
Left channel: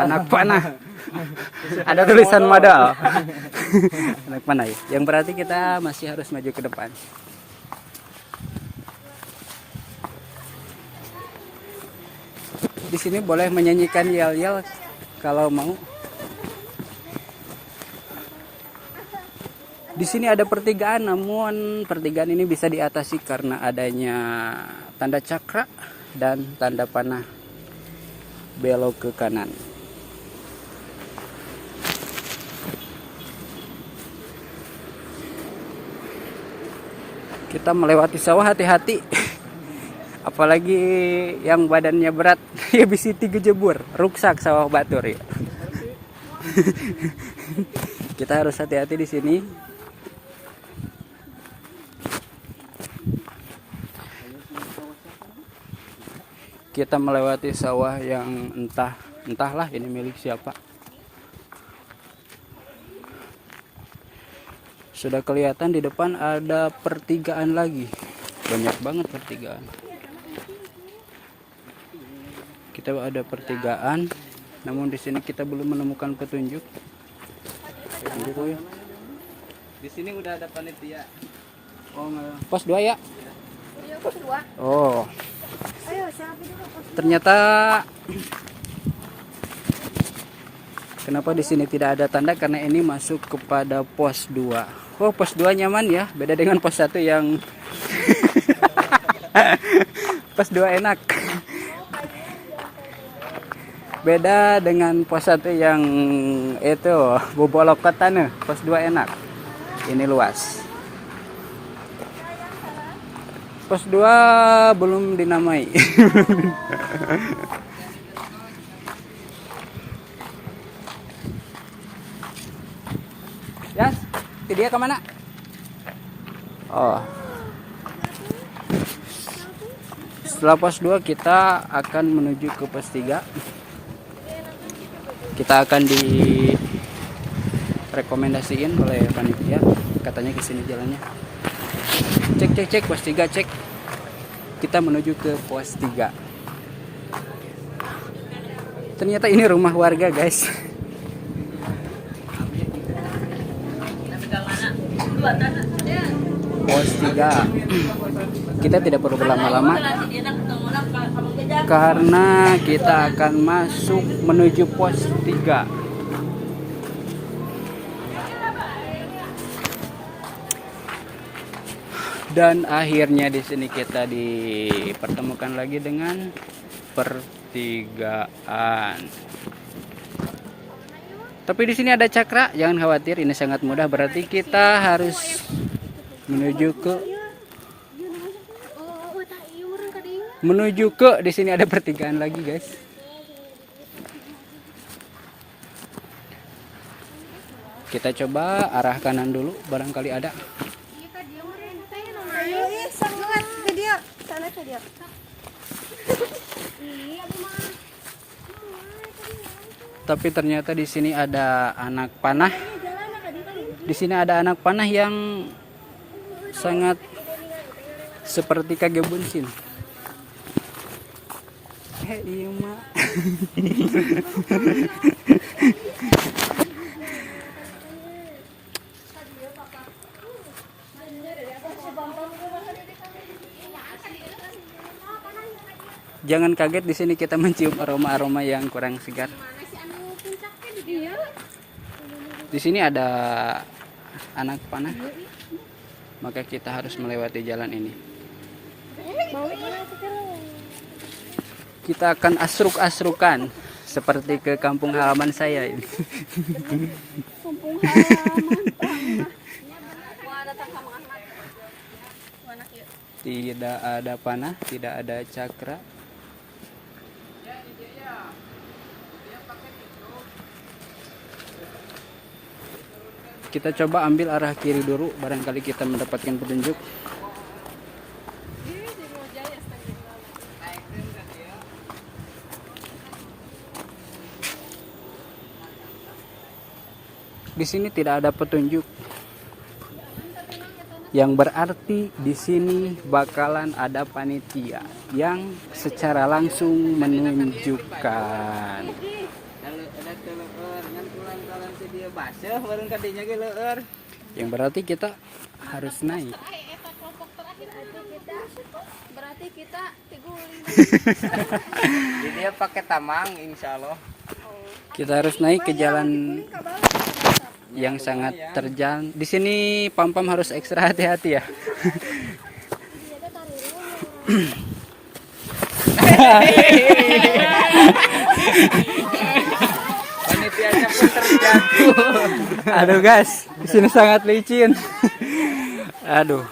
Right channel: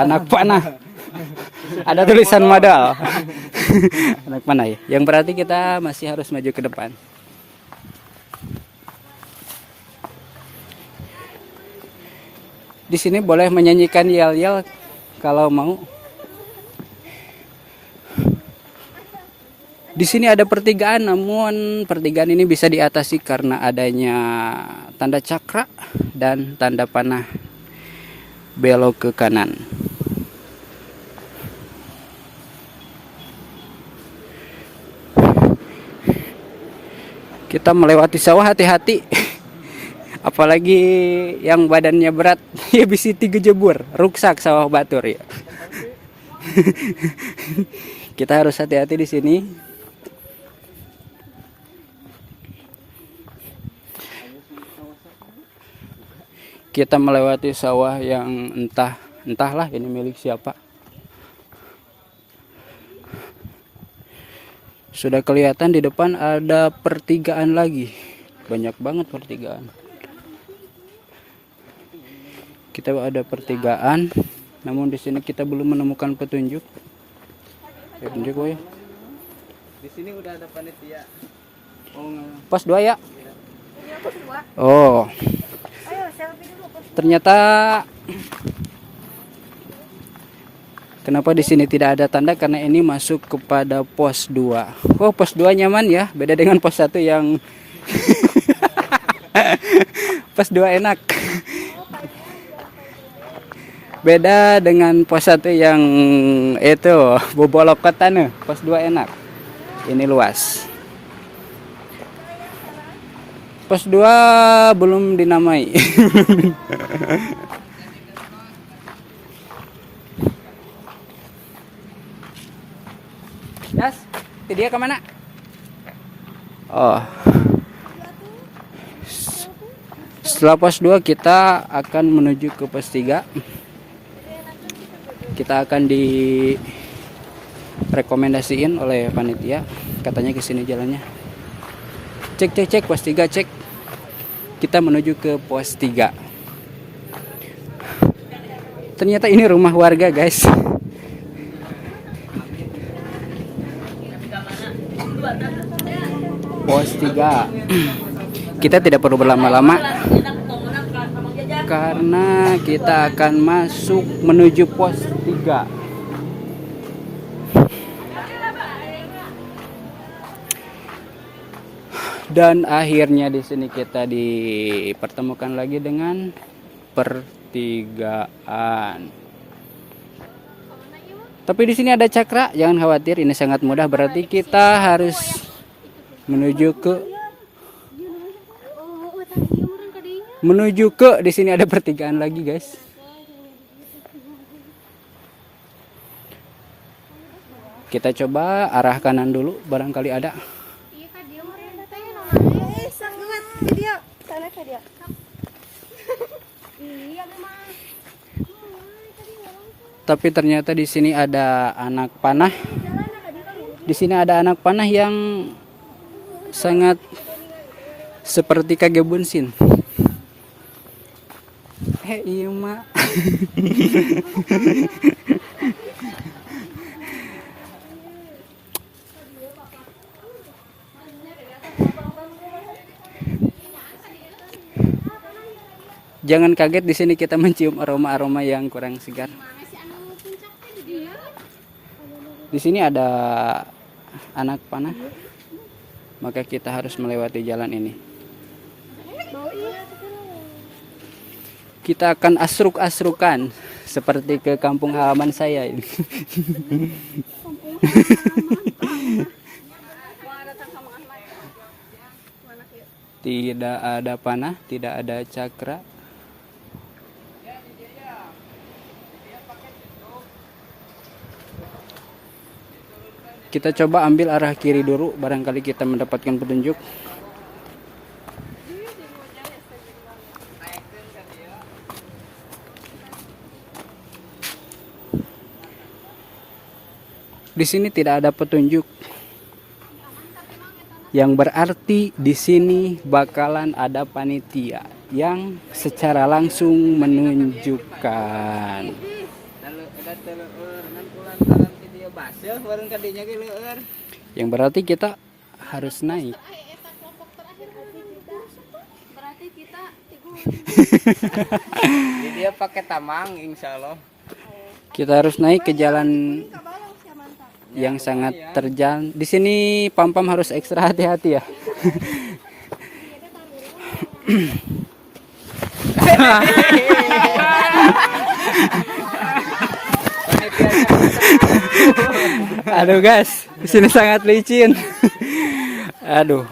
anak panah. Ada tulisan modal. Anak panah ya. Yang berarti kita masih harus maju ke depan. Di sini boleh menyanyikan yel-yel kalau mau. Di sini ada pertigaan, namun pertigaan ini bisa diatasi karena adanya tanda cakra dan tanda panah belok ke kanan. Kita melewati sawah, hati-hati. Apalagi yang badannya berat, ya bisa 3 jebur, ruksak sawah batur ya. Kita harus hati-hati di sini. Kita melewati sawah yang entahlah ini milik siapa. Sudah kelihatan di depan ada pertigaan lagi. Banyak banget pertigaan. Kita ada pertigaan, namun di sini kita belum menemukan petunjuk. Petunjuk ya. Di sini udah ada panitia. Oh, pos 2 ya? Iya, pos 2. Oh. Ayo, selfie dulu pos. Ternyata kenapa di sini tidak ada tanda, karena ini masuk kepada pos 2. Oh, pos 2 nyaman ya, beda dengan pos 1 yang pos 2 enak. Beda dengan pos 1 yang itu bobolok tanah. Pos 2 enak. Ini luas. Pos 2 belum dinamai. Yas, dia kemana? Oh. Setelah pos 2 kita akan menuju ke pos 3. Kita akan direkomendasiin oleh panitia, katanya ke sini jalannya. Cek pos 3, cek. Kita menuju ke pos 3. Ternyata ini rumah warga, guys. Pos 3. Kita tidak perlu berlama-lama karena kita akan masuk menuju pos 3. Dan akhirnya di sini kita dipertemukan lagi dengan pertigaan. Tapi di sini ada cakra, jangan khawatir, ini sangat mudah. Berarti kita harus menuju ke di sini ada pertigaan lagi, guys. Kita coba arah kanan dulu, barangkali ada. Tapi ternyata di sini ada anak panah. Di sini ada anak panah yang sangat seperti Kage Bunsin. Iya mak. Jangan kaget, di sini kita mencium aroma-aroma yang kurang segar. Di sini ada anak panah, maka kita harus melewati jalan ini. Kita akan asruk-asrukan seperti ke kampung halaman saya ini. Tidak ada panah, tidak ada cakra. Kita coba ambil arah kiri dulu, barangkali kita mendapatkan petunjuk. Di sini tidak ada petunjuk. Yang berarti di sini bakalan ada panitia yang secara langsung menunjukkan. Yang berarti kita harus naik. Berarti kita Jadi dia pakai tamang, insya Allah. Kita harus naik ke jalan yang sangat terjal. Di sini pam-pam harus ekstra hati-hati ya. Aduh guys, di sini sangat licin. Aduh.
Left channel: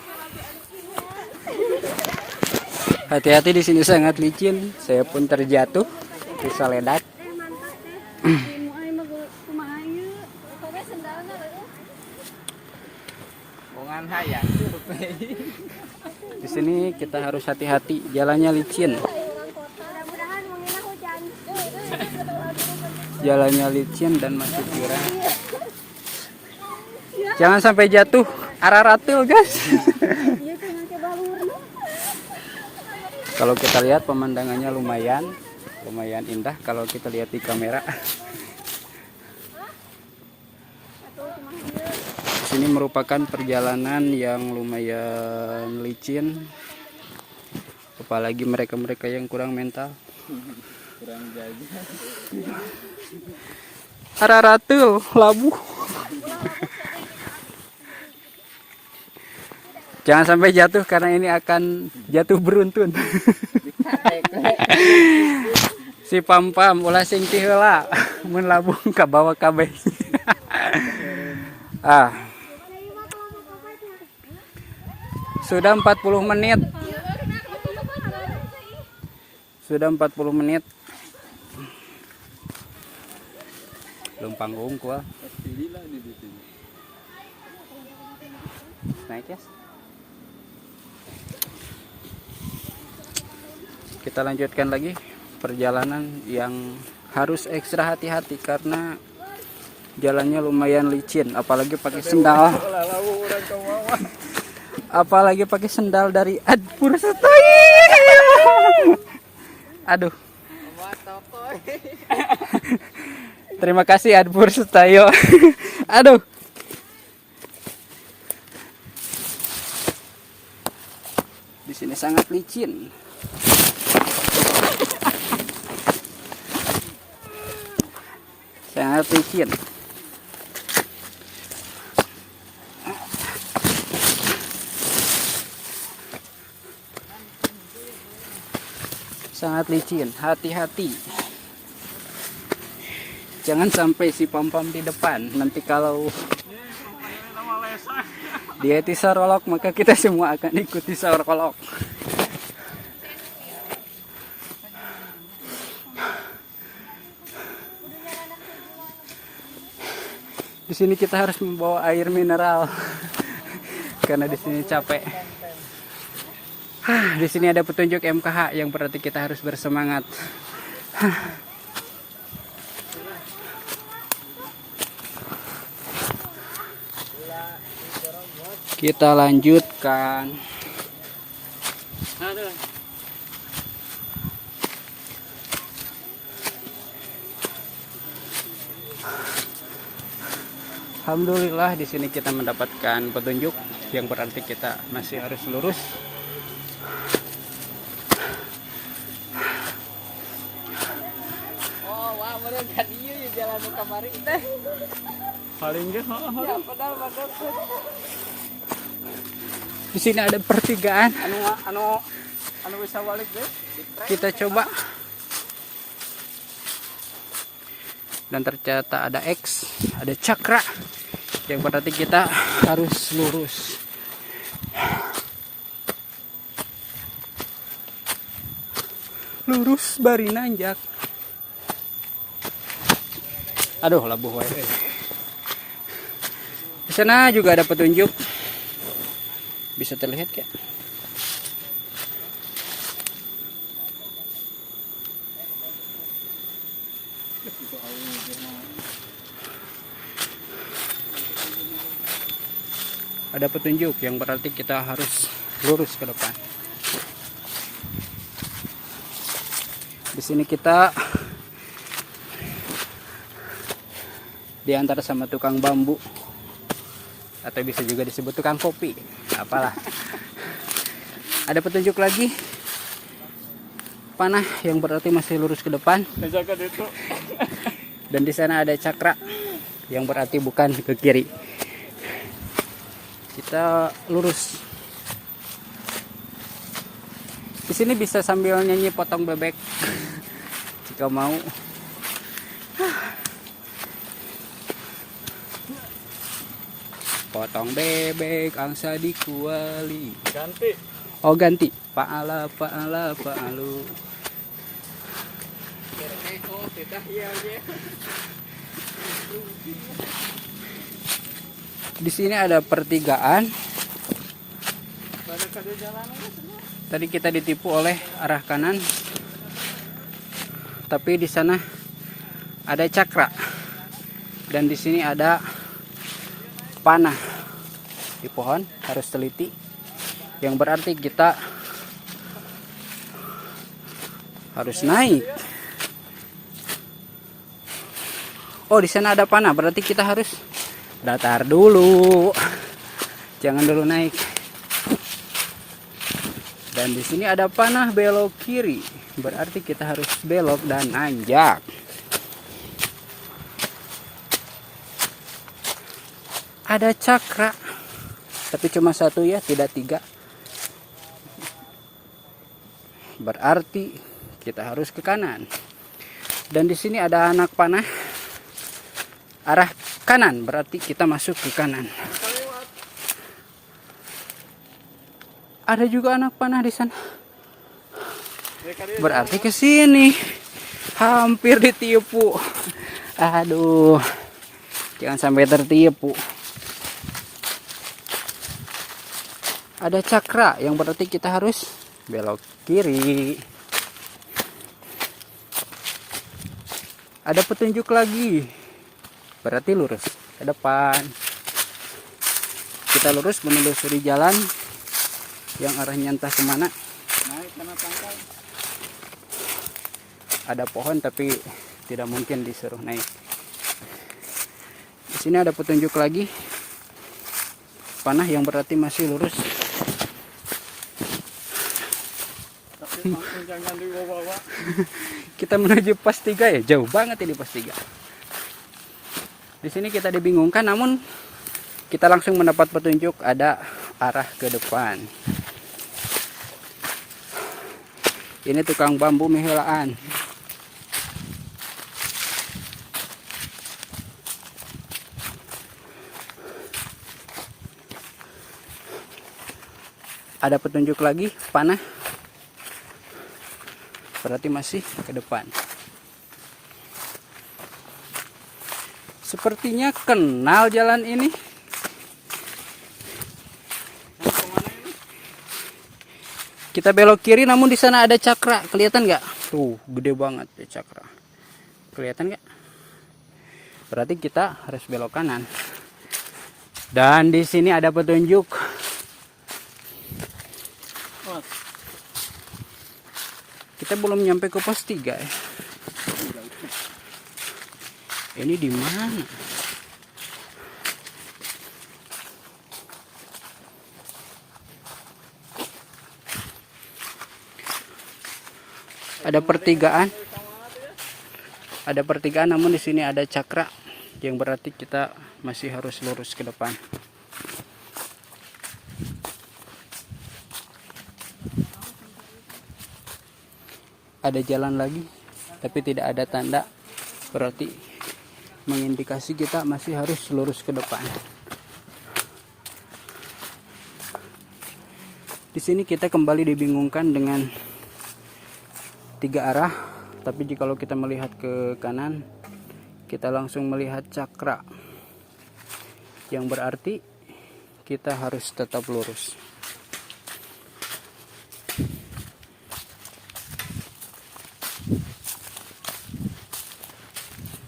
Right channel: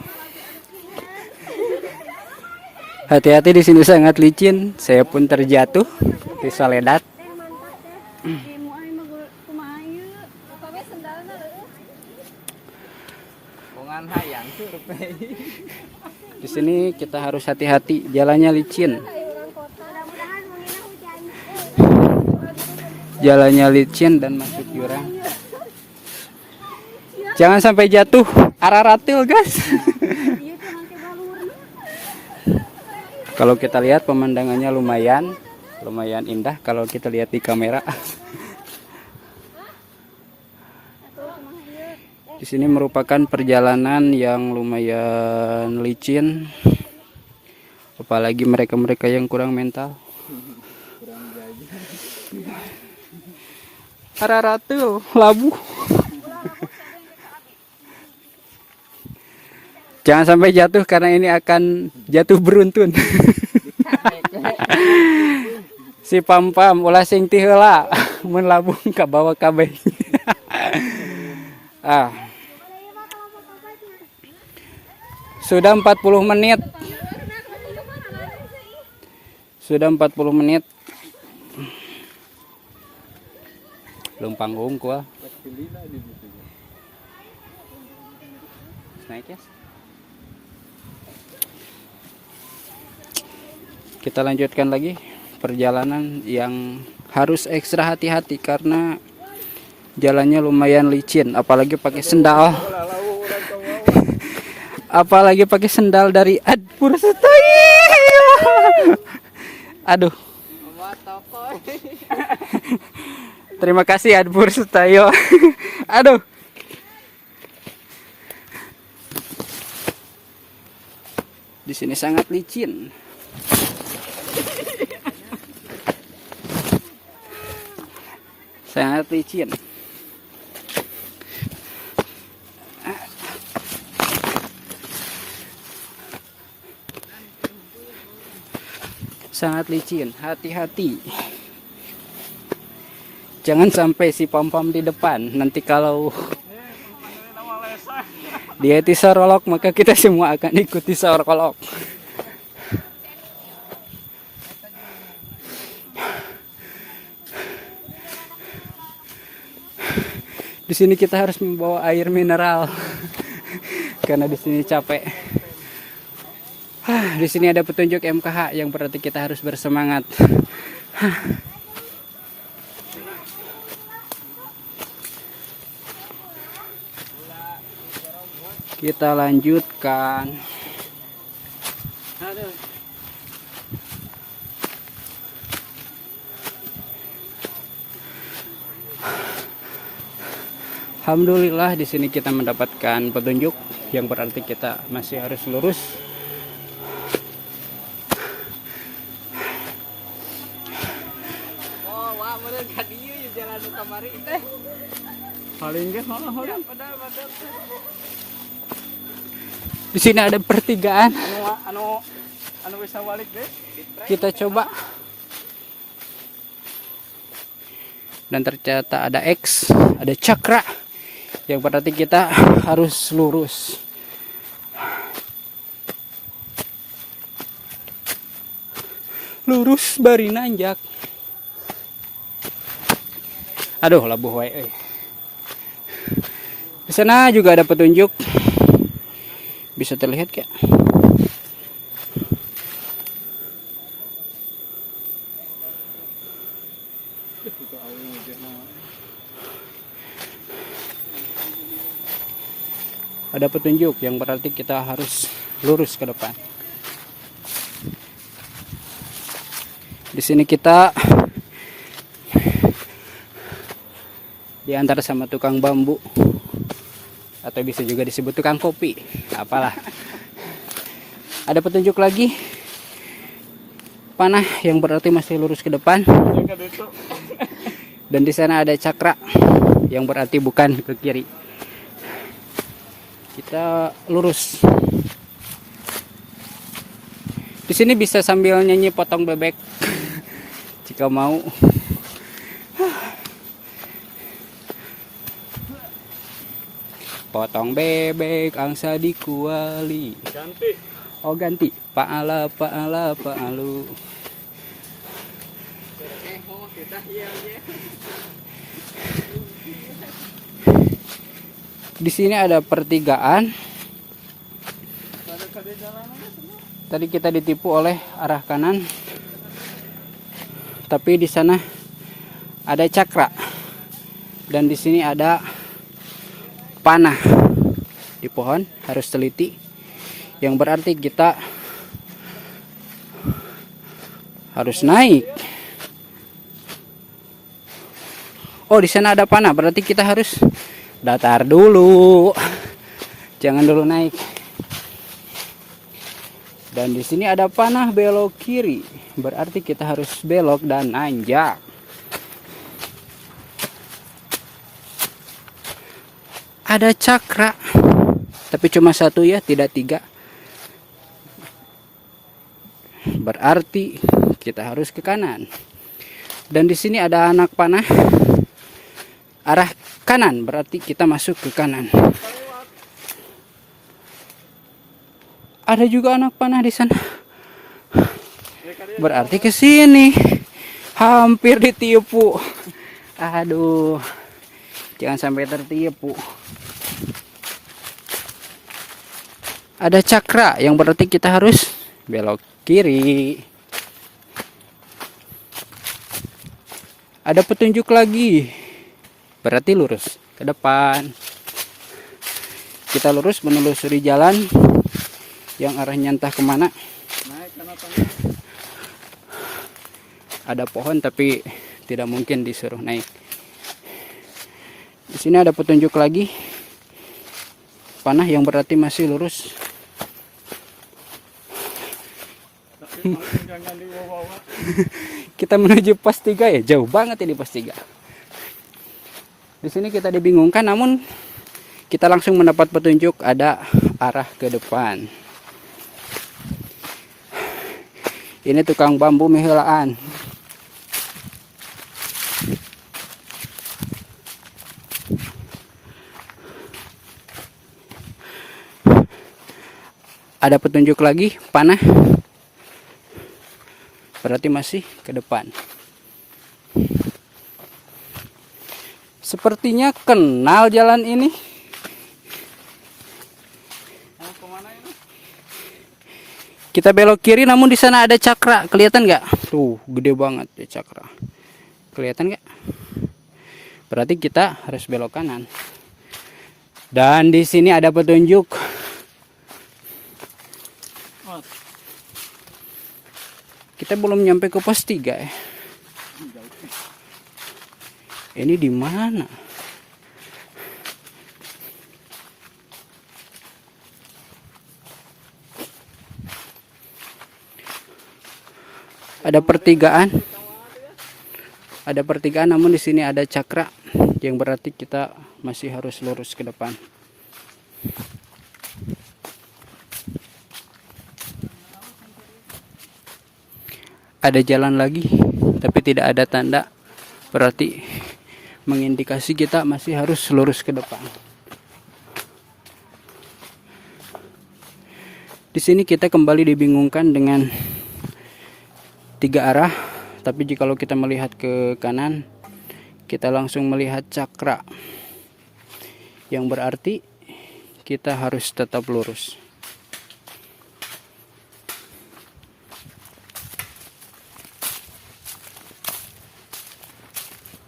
Hati-hati, di sini sangat licin. Saya pun terjatuh di Soledad. Bongan hayang tuh. Di sini kita harus hati-hati, jalannya licin. Jalannya licin dan masuk jurang. Jangan sampai jatuh, araratil guys. Kalau kita lihat pemandangannya lumayan indah kalau kita lihat di kamera. Di sini merupakan perjalanan yang lumayan licin. Apalagi mereka-mereka yang kurang mental. Kurang jadi. Araratil, labu. Jangan sampai jatuh karena ini akan jatuh beruntun. Si pam-pam ulah sing ti heula mun labung ka bawah kabeh. Sudah 40 menit. Sudah 40 menit. Belum panggung gua. Naik ya. Kita lanjutkan lagi perjalanan yang harus ekstra hati-hati karena jalannya lumayan licin, apalagi pakai sendal. Apalagi pakai sendal dari Adpur Setoy. Aduh. Terima kasih Adpur Setayo. Aduh. Di sini sangat licin. Sangat licin. Sangat licin, hati-hati. Jangan sampai si pam-pam di depan. Nanti kalau dia itu sorolok, maka kita semua akan ikuti sorolok. Di sini kita harus membawa air mineral karena di sini capek. Di sini ada petunjuk MKH yang berarti kita harus bersemangat. Kita lanjutkan. Alhamdulillah di sini kita mendapatkan petunjuk yang berarti kita masih harus lurus. Wah, bener ka dieu ya jalan nu kamari teh. Paling geus malah. Di sini ada pertigaan. Anu bisa balik deh. Kita coba. Dan ternyata ada X, ada cakra. Yang berarti kita harus lurus. Lurus bari nanjak. Aduh, labuh wae. Di sana juga ada petunjuk. Bisa terlihat kayak. ada petunjuk yang berarti kita harus lurus ke depan. Di sini kita diantar sama tukang bambu, atau bisa juga disebut tukang kopi, apalah. Ada petunjuk lagi, panah yang berarti masih lurus ke depan. Dan di sana ada cakra yang berarti bukan ke kiri. Kita lurus. Di sini bisa sambil nyanyi potong bebek jika mau. Potong bebek angsa di kuali. Ganti. Oh ganti. Paala paala paalu. Di sini ada pertigaan. Tadi kita ditipu oleh arah kanan, tapi di sana ada cakra, dan di sini ada panah di pohon. Harus teliti, yang berarti kita harus naik. Oh, di sana ada panah, berarti kita harus datar dulu, jangan dulu naik. Dan di sini ada panah belok kiri, berarti kita harus belok dan nanjak. Ada cakra, tapi cuma satu ya, tidak tiga. Berarti kita harus ke kanan. Dan di sini ada anak panah arah kanan, berarti kita masuk ke kanan. Ada juga anak panah di sana, berarti ke sini. Hampir ditipu. Aduh, jangan sampai tertipu. Ada cakra yang berarti kita harus belok kiri. Ada petunjuk lagi, berarti lurus ke depan. Kita lurus menelusuri jalan yang arahnya entah kemana. Ada pohon tapi tidak mungkin disuruh naik. Di sini ada petunjuk lagi, panah yang berarti masih lurus. Jangan dibawa-bawa. Kita menuju pos 3 ya, jauh banget ini pos 3. Di sini kita dibingungkan, namun kita langsung mendapat petunjuk ada arah ke depan. Ini tukang bambu mihelaan. Ada petunjuk lagi, panah. Berarti masih ke depan. Sepertinya kenal jalan ini. Kita belok kiri, namun di sana ada cakra. Kelihatan nggak? Tuh, gede banget ya cakra. Kelihatan nggak? Berarti kita harus belok kanan. Dan di sini ada petunjuk. Kita belum nyampe ke pos 3 ya. Ini di mana? Ada pertigaan. Ada pertigaan, namun di sini ada cakra yang berarti kita masih harus lurus ke depan. Ada jalan lagi, tapi tidak ada tanda, berarti mengindikasi kita masih harus lurus ke depan. Di sini kita kembali dibingungkan dengan 3 arah, tapi jika kita melihat ke kanan, kita langsung melihat cakra, yang berarti kita harus tetap lurus.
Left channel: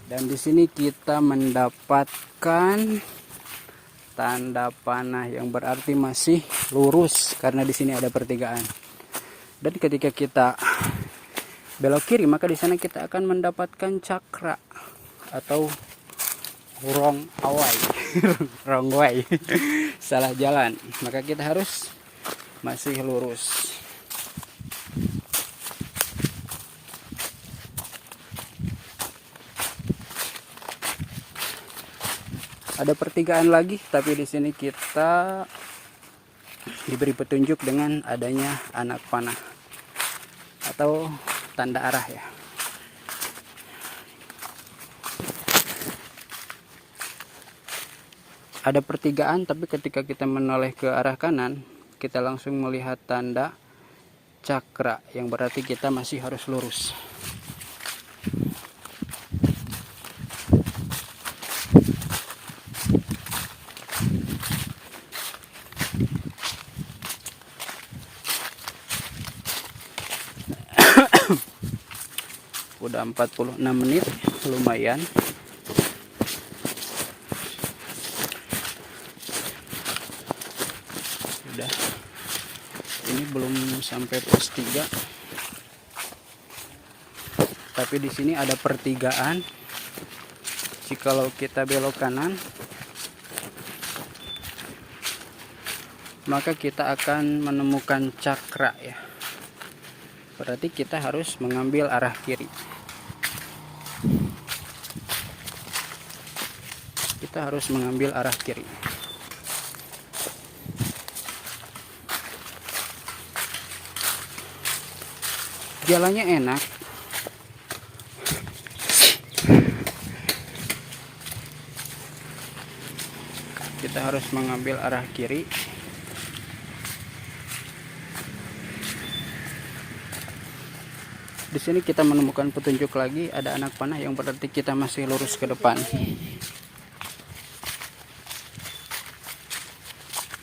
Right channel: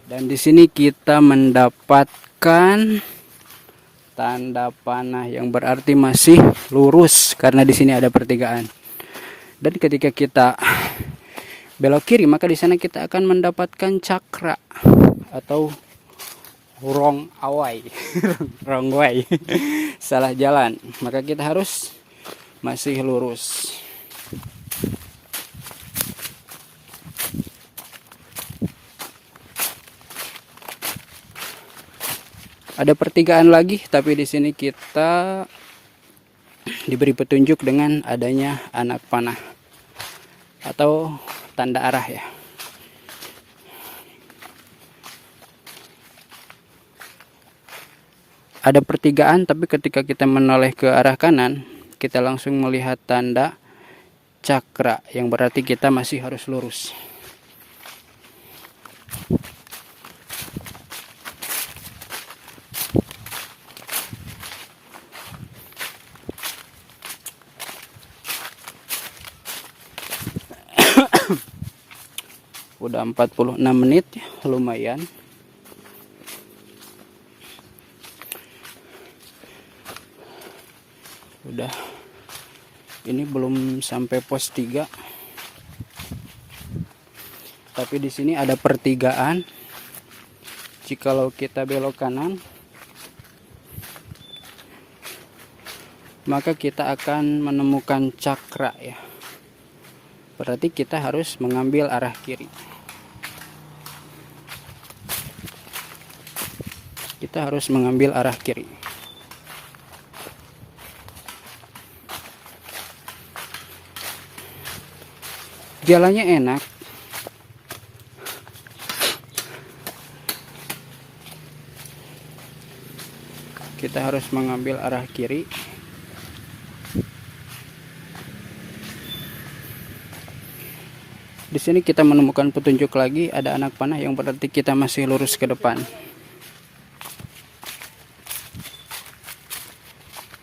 Dan di sini kita mendapatkan tanda panah yang berarti masih lurus karena di sini ada pertigaan. Dan ketika kita belok kiri maka di sana kita akan mendapatkan cakra atau wrong away. Wrong way. Salah jalan. Maka kita harus masih lurus. Ada pertigaan lagi, tapi di sini kita diberi petunjuk dengan adanya anak panah atau tanda arah ya. Ada pertigaan, tapi ketika kita menoleh ke arah kanan, kita langsung melihat tanda cakra yang berarti kita masih harus lurus. Udah 46 menit, lumayan. Udah. Ini belum sampai pos 3. Tapi di sini ada pertigaan. Jikalau kita belok kanan, maka kita akan menemukan cakra ya. Berarti kita harus mengambil arah kiri. Kita harus mengambil arah kiri. Jalannya enak. Kita harus mengambil arah kiri. Di sini kita menemukan petunjuk lagi, ada anak panah yang berarti kita masih lurus ke depan.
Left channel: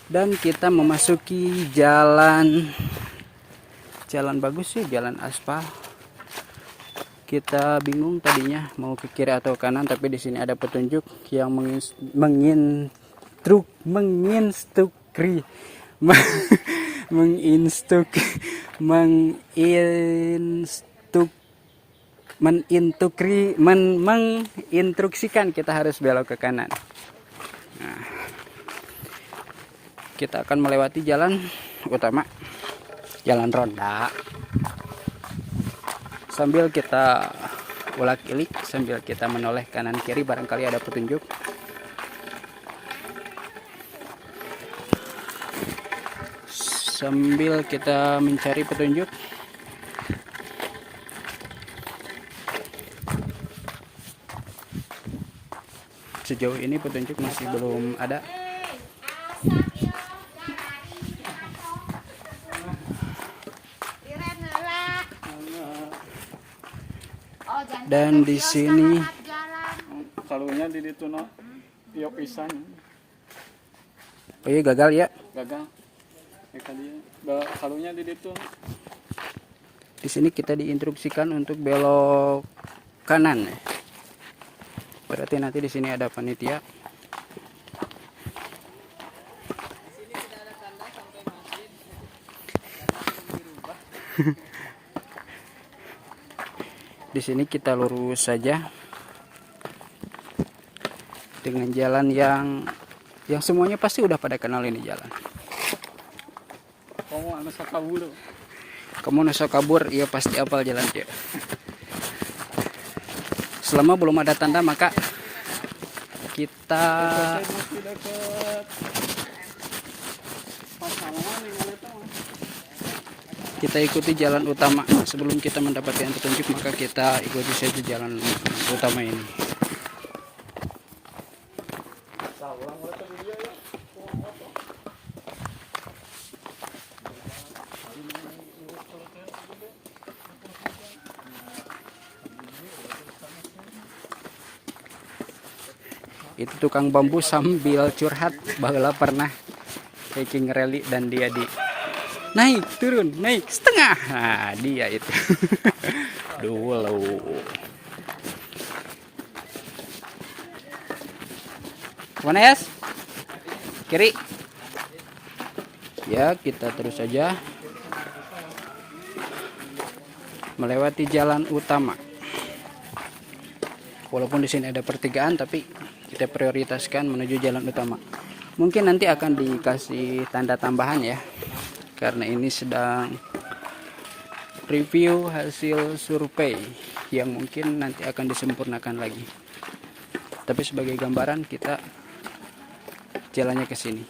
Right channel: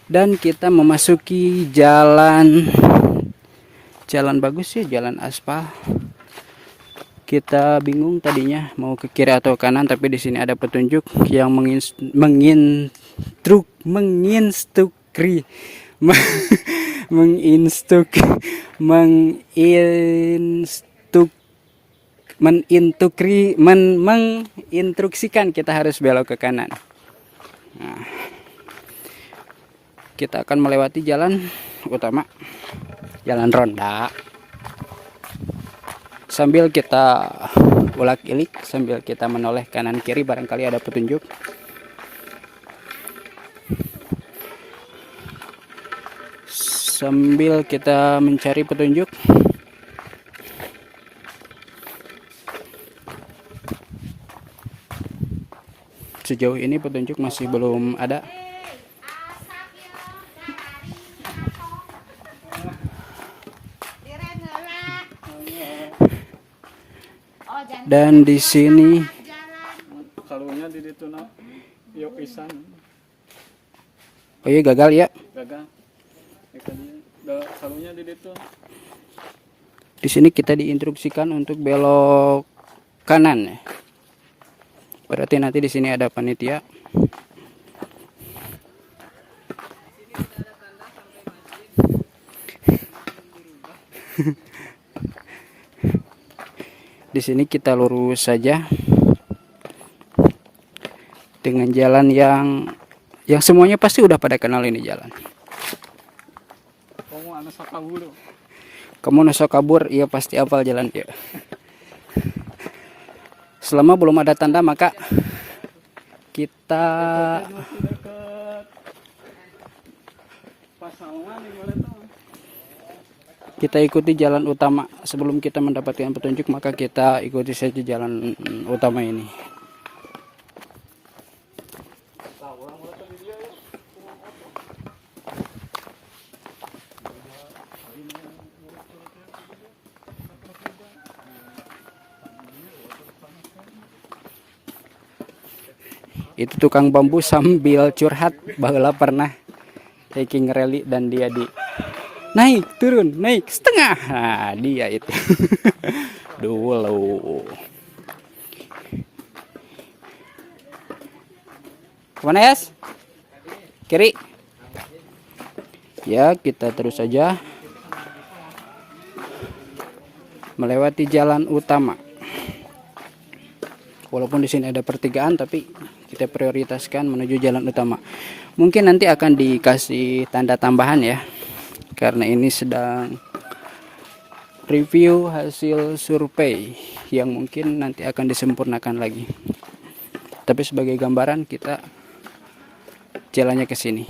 Dan kita memasuki jalan bagus ya, jalan aspal. Kita bingung tadinya mau ke kiri atau kanan, tapi di sini ada petunjuk yang menginstruksikan kita harus belok ke kanan. Nah, kita akan melewati jalan utama, jalan ronda, sambil kita ulak-ilik, sambil kita menoleh kanan kiri, barangkali ada petunjuk. Sambil kita mencari petunjuk, sejauh ini petunjuk masih belum ada. Dan di sini Salunya di ditu no. Yok pisan. oh iya gagal ya. Gagal. Salunya di ditu. Di sini kita diinstruksikan untuk belok kanan. Berarti nanti di sini ada panitia. Di sini kita lurus saja dengan jalan yang semuanya pasti udah pada kenal ini jalan. Kamu nasa kabur, iya pasti apal jalan ya. Selama belum ada tanda maka kita ikuti jalan utama. Sebelum kita mendapatkan petunjuk maka kita ikuti saja jalan utama ini. Itu tukang bambu sambil curhat bahwa pernah hiking rally dan dia di naik turun naik setengah. Nah, dia itu dulu. Kemana Yas? kiri. Ya, kita terus saja melewati jalan utama. Walaupun di sini ada pertigaan, tapi kita prioritaskan menuju jalan utama. Mungkin nanti akan dikasih tanda tambahan ya, karena ini sedang review hasil survei yang mungkin nanti akan disempurnakan lagi. Tapi sebagai gambaran kita jalannya ke sini.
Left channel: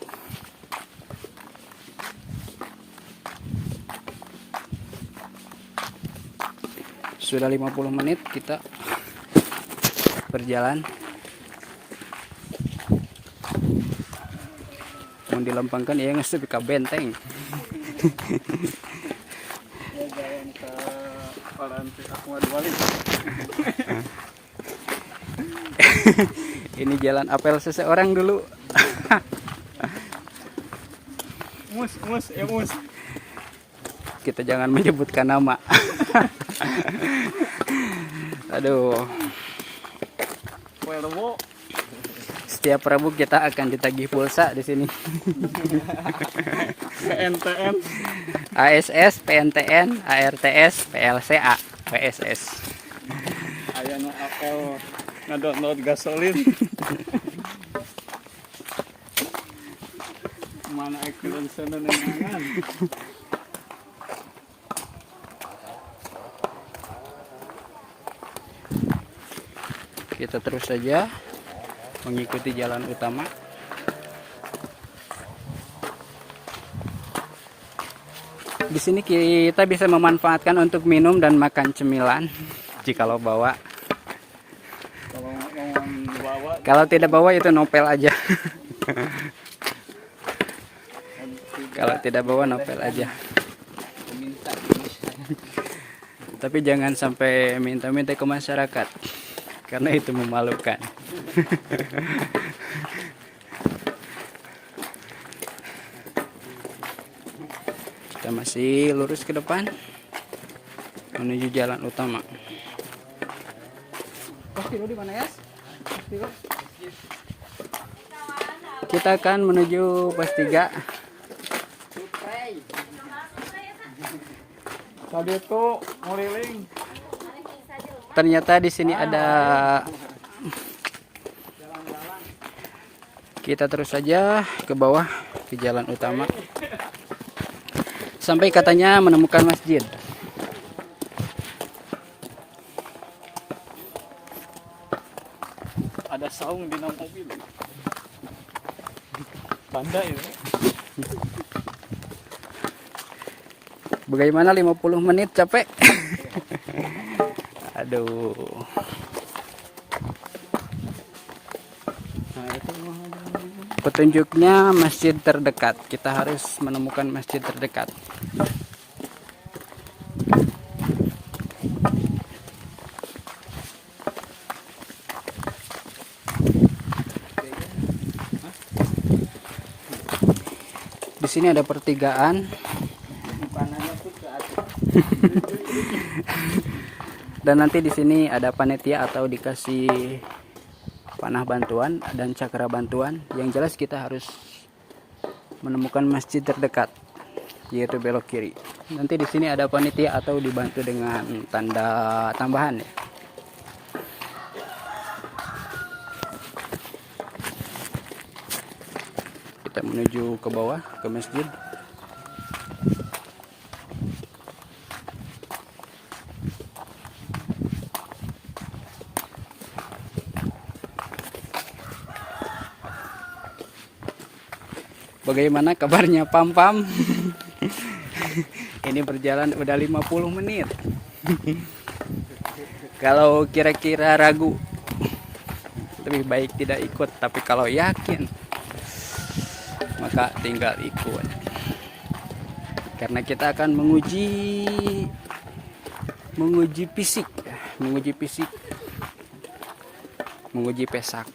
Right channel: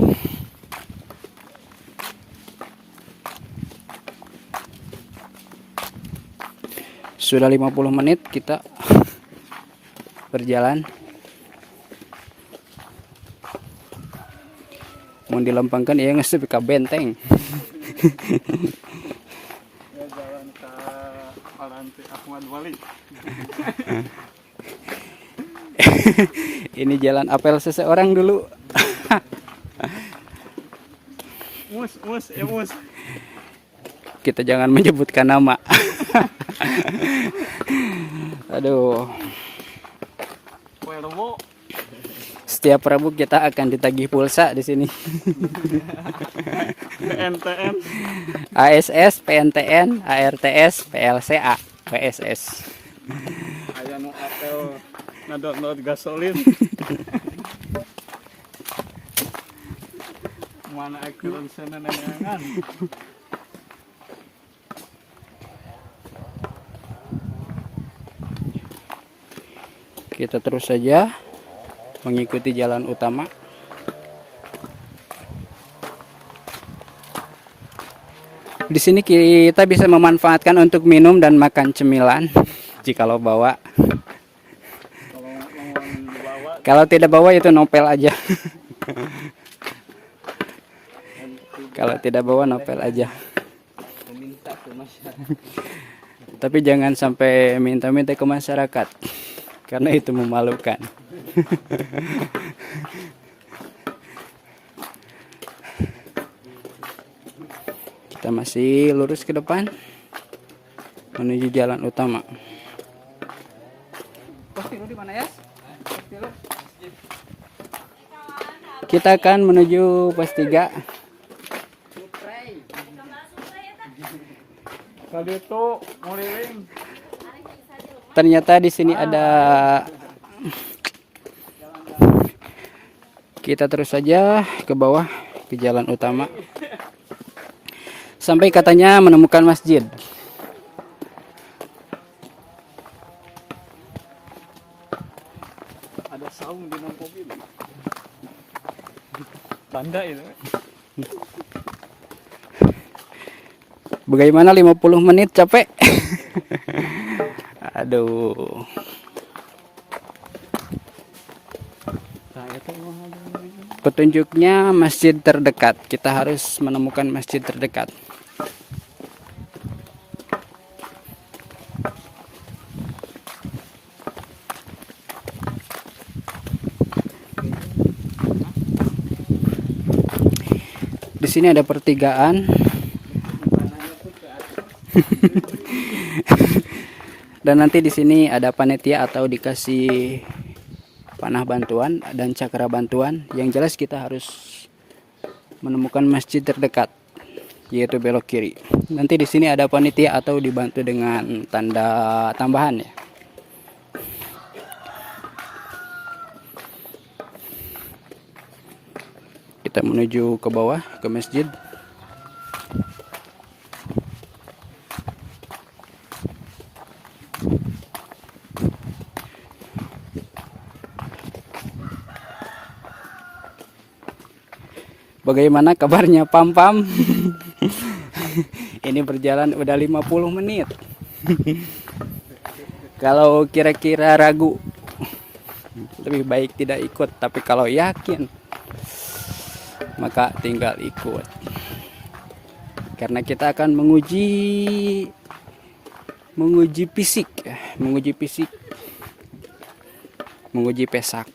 Sudah 50 menit kita berjalan. Mau dilempangkan ya ngesep ke benteng. Ini jalan apel seseorang dulu. mus. Kita jangan menyebutkan nama. Aduh. Setiap Rabu kita akan ditagih pulsa di sini. PNTN, ASS, PNTN, ARTS, PLCA, PSS. aya nu apel ngadot gasolin. Mana ekran sana nengangan. Kita terus saja mengikuti jalan utama. Di sini kita bisa memanfaatkan untuk minum dan makan cemilan jikalau bawa. Kalau mau dibawa Kalau tidak bawa itu nopel aja. Kalau tidak bawa nopel aja. meminta ke masyarakat. Tapi jangan sampai minta-minta ke masyarakat, karena itu memalukan. Kita masih lurus ke depan menuju jalan utama. Pasti lu di mana ya? Kita akan menuju pos 3. Tadi itu ngeliling. Ternyata di sini ada. Kita terus saja ke bawah ke jalan utama. Sampai katanya menemukan masjid. Ada saung di dalam mobil. Tanda itu. Bagaimana 50 menit capek? Aduh. Petunjuknya masjid terdekat. Kita harus menemukan masjid terdekat. Di sini ada pertigaan. Dan nanti di sini ada panitia atau dikasih panah bantuan dan cakra bantuan. Yang jelas kita harus menemukan masjid terdekat, yaitu belok kiri. Nanti di sini ada panitia atau dibantu dengan tanda tambahan ya. Kita menuju ke bawah ke masjid. Bagaimana kabarnya Pam-Pam? Ini berjalan udah 50 menit. Kalau kira-kira ragu, lebih baik tidak ikut. Tapi kalau yakin, maka tinggal ikut. Karena kita akan menguji fisik, menguji pesak.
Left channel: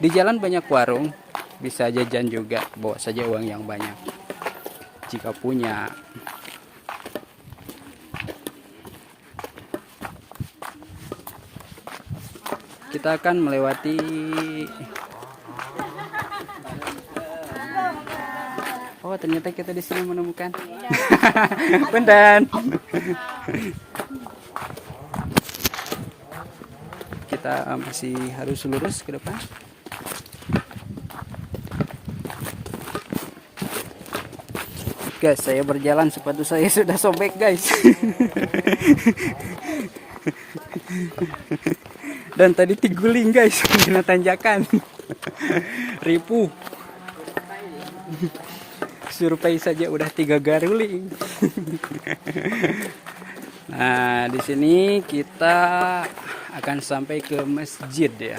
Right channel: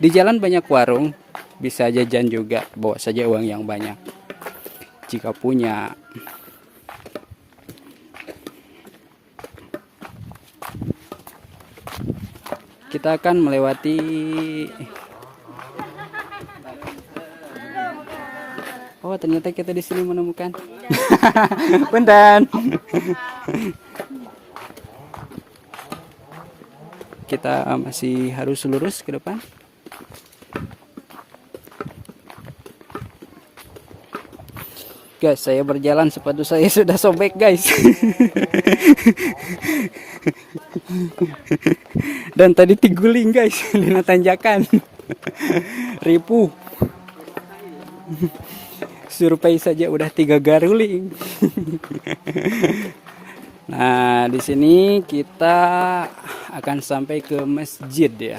Di jalan banyak warung, bisa jajan juga, bawa saja uang yang banyak jika punya. Kita akan melewati Oh, ternyata kita di sini menemukan. Punten. Kita masih harus lurus ke depan. Guys, saya berjalan sepatu saya sudah sobek, guys. Dan tadi tiguling, guys, kena tanjakan. Ripuh. Survei saja udah 3 garuling. Nah, di sini kita akan sampai ke masjid ya.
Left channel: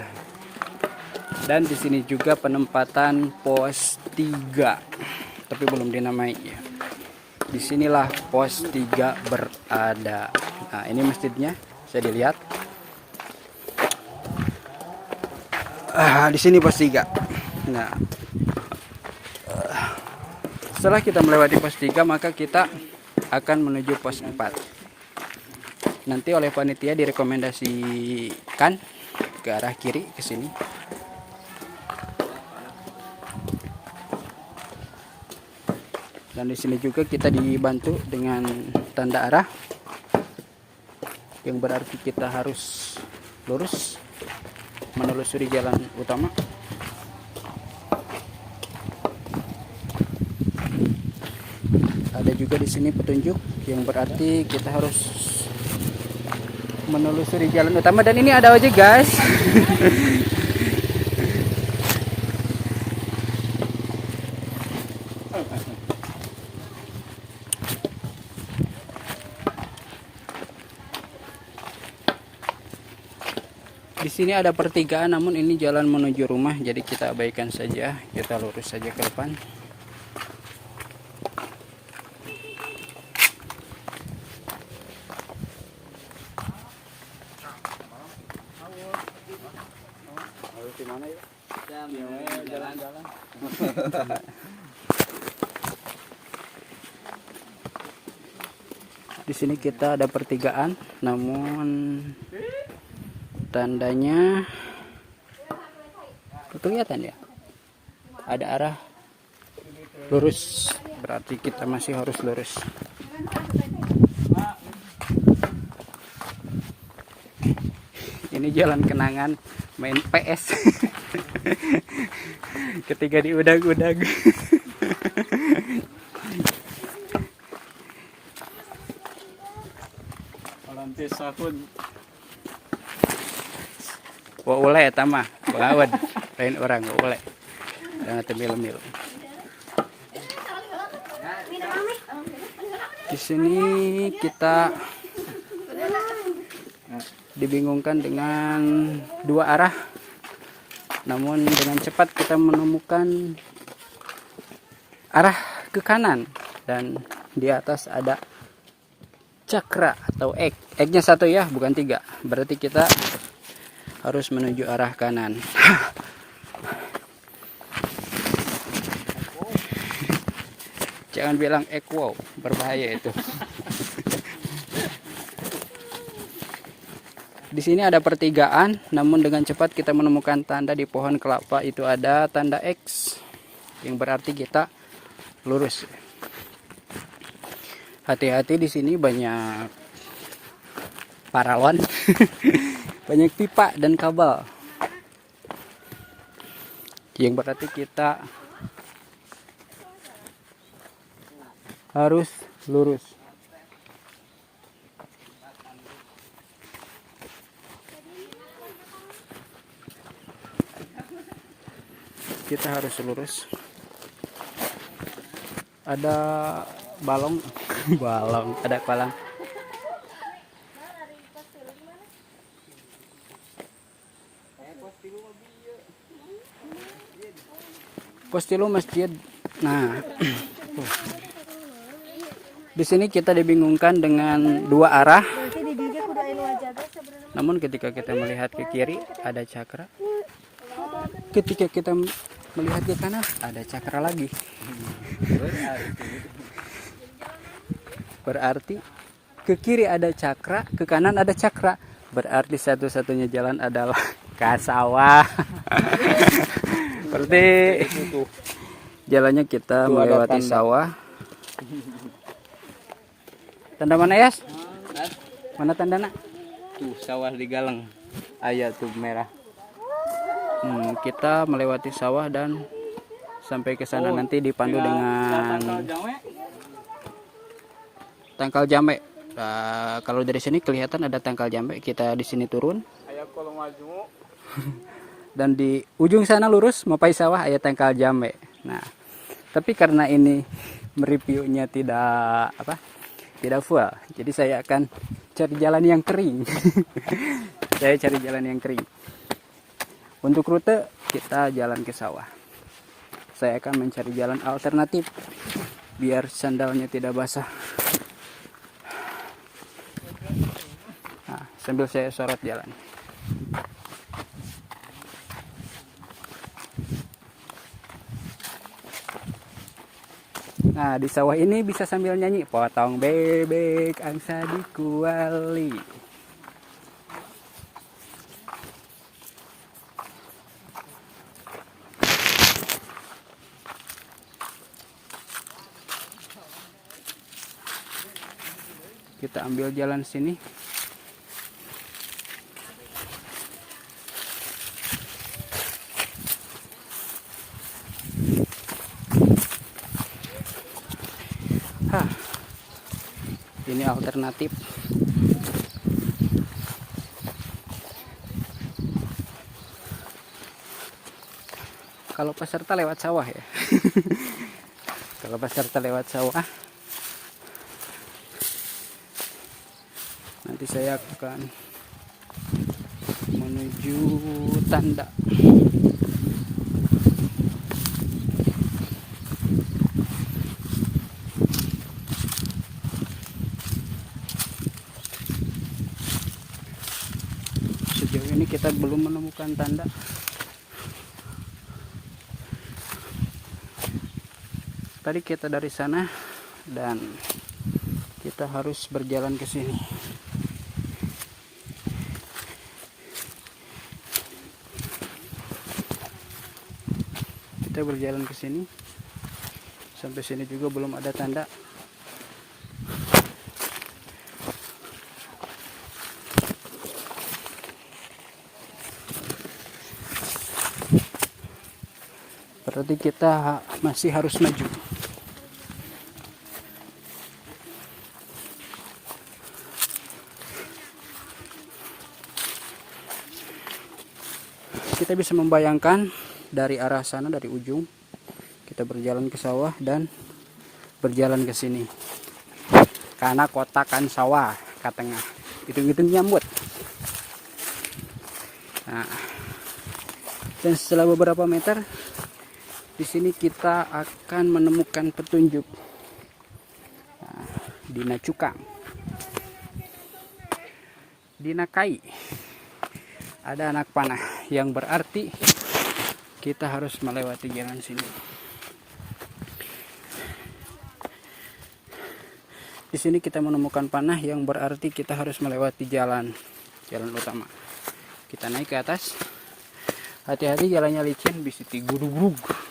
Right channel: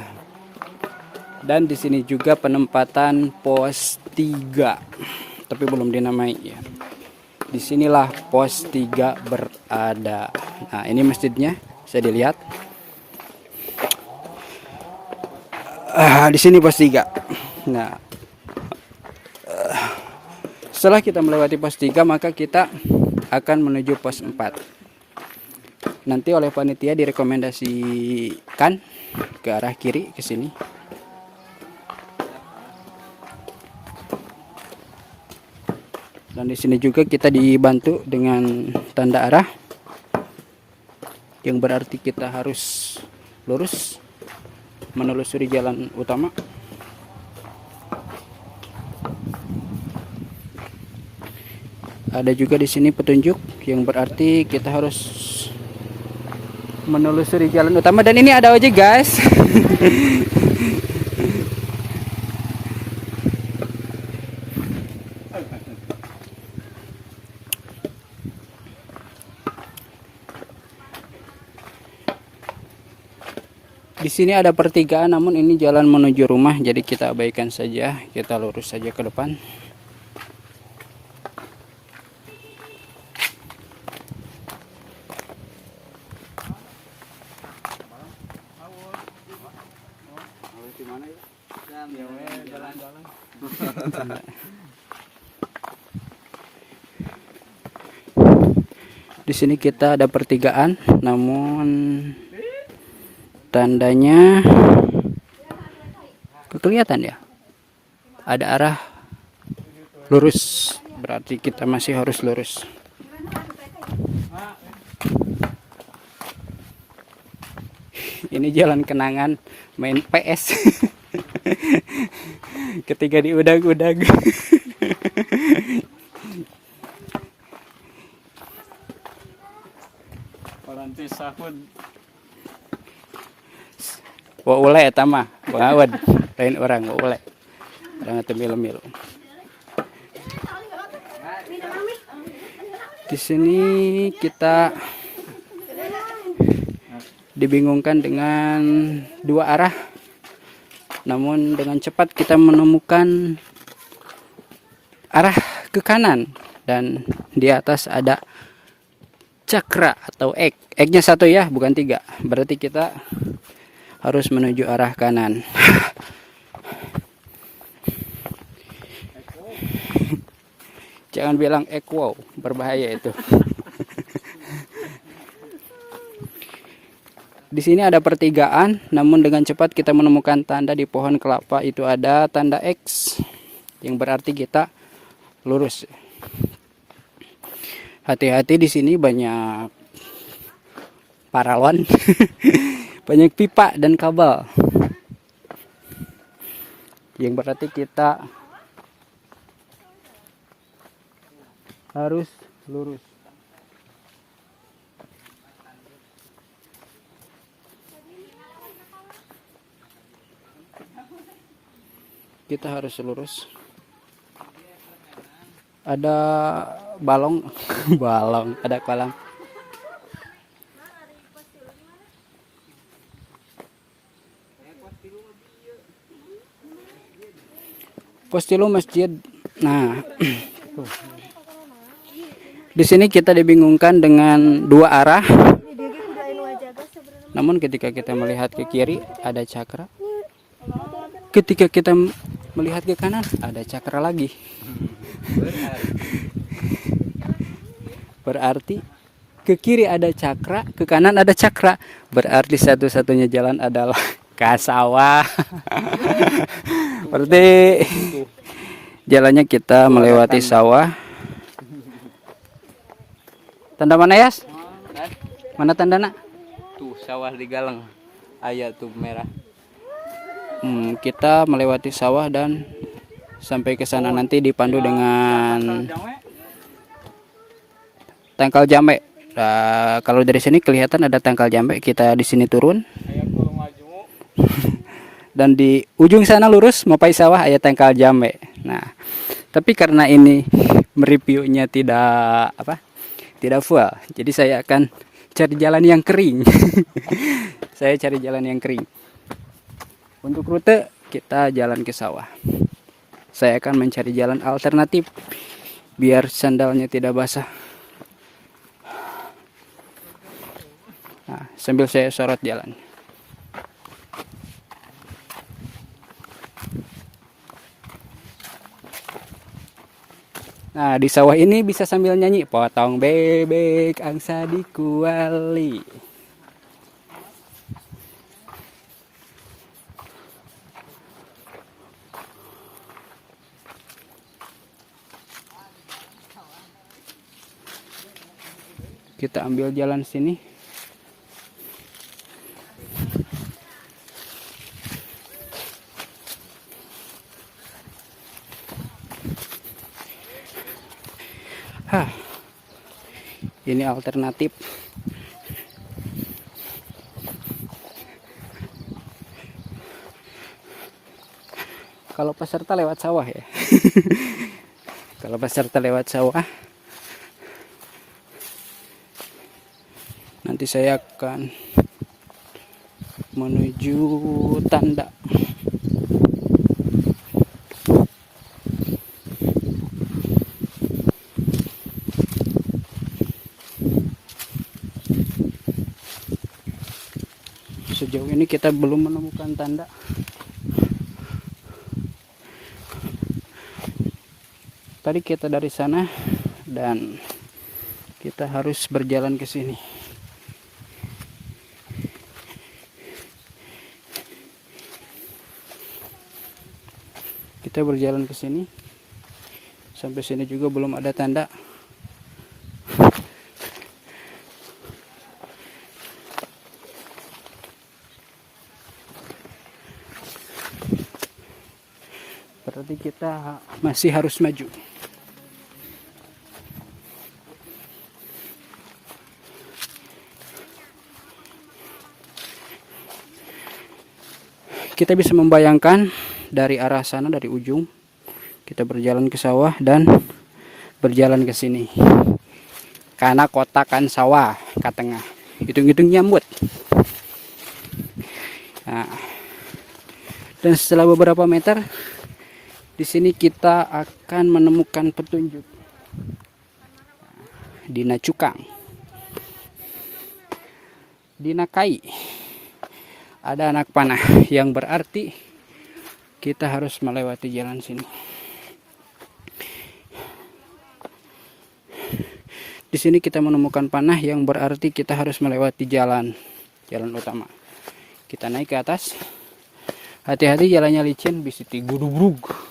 Dan di sini juga penempatan pos 3. Tapi belum dinamai ya. Disinilah pos 3 berada. Nah, ini masjidnya, bisa dilihat. Di sini pos 3. Nah, setelah kita melewati pos 3, maka kita akan menuju pos 4. Nanti oleh panitia direkomendasikan ke arah kiri ke sini. Dan di sini juga kita dibantu dengan tanda arah, yang berarti kita harus lurus menelusuri jalan utama. Ada juga di sini petunjuk yang berarti kita harus menelusuri jalan utama, dan ini ada ojek, guys. Di sini ada pertigaan, namun ini jalan menuju rumah, jadi kita abaikan saja, kita lurus saja ke depan. Di sini kita ada pertigaan, namun tandanya kelihatan ya, ada arah lurus, berarti kita masih harus lurus. Ini jalan kenangan main PS ketika diudag-udag. Nanti sahun. Wa ule eta mah, bangawad, lain orang wa ule. Jangan temil-mil. Di sini kita dibingungkan dengan 2 arah. Namun dengan cepat kita menemukan arah ke kanan, dan di atas ada cakra atau ek. Eknya 1 ya, bukan 3. Berarti kita harus menuju arah kanan. Jangan bilang ek, wow, berbahaya itu. Di sini ada pertigaan, namun dengan cepat kita menemukan tanda di pohon kelapa, itu ada tanda X, yang berarti kita lurus. Hati-hati, di sini banyak paralon, banyak pipa dan kabel, yang berarti kita harus lurus. Kita harus lurus. Ada balong, balong, ada kolam. Pos 3 masjid. Nah, di sini kita dibingungkan dengan 2 arah. Namun ketika kita melihat ke kiri ada cakra. Ketika kita melihat ke kanan ada cakra lagi. Berarti ke kiri ada cakra, ke kanan ada cakra. Berarti satu-satunya jalan adalah ke sawah. Berarti Jalannya kita melewati sawah. Tanda mana, Yas? Mana tandana? Tuh sawah di Galang. Ayah tuh merah. Kita melewati sawah dan sampai ke sana nanti dipandu dengan tangkal jambe. Nah, kalau dari sini kelihatan ada tangkal jambe. Kita di sini turun. Ayah kalau maju. Dan di ujung sana lurus Mopai sawah ada tangkal jambe. Nah, tapi karena ini mereviewnya tidak full, jadi saya akan cari jalan yang kering. Saya cari jalan yang kering. Untuk rute kita jalan ke sawah. Saya akan mencari jalan alternatif biar sandalnya tidak basah. Nah, sambil saya sorot jalan. Nah, di sawah ini bisa sambil nyanyi potong bebek angsa di kuali. Kita ambil jalan sini. Ini alternatif. Kalau peserta lewat sawah ya. Kalau peserta lewat sawah, nanti saya akan menuju tanda. Sejauh ini kita belum menemukan tanda. Tadi kita dari sana dan kita harus berjalan ke sini. Kita berjalan ke sini. Sampai sini juga belum ada tanda. Berarti kita masih harus maju. Kita bisa membayangkan dari arah sana, dari ujung kita berjalan ke sawah dan berjalan ke sini. Karena kota kan sawah ke tengah. Hitung-hitung nyambut. Nah, dan setelah beberapa meter di sini kita akan menemukan petunjuk. Nah, Dina Cukang, Dina Kai, ada anak panah, yang berarti kita harus melewati jalan sini. Di sini kita menemukan panah, yang berarti kita harus melewati jalan utama. Kita naik ke atas. Hati-hati, jalannya licin, bisa digurug-gurug.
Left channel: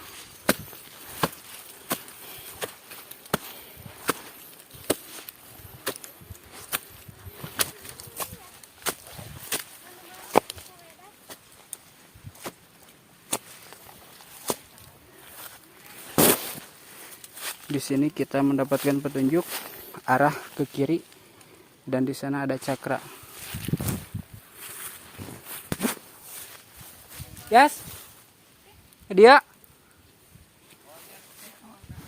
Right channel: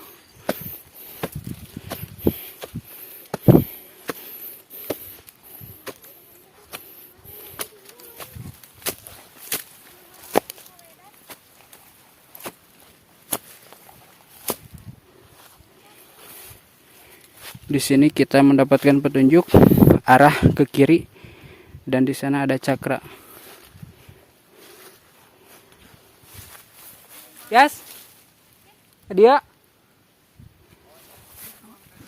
Di sini kita mendapatkan petunjuk arah ke kiri dan di sana ada cakra. Yes. Dia.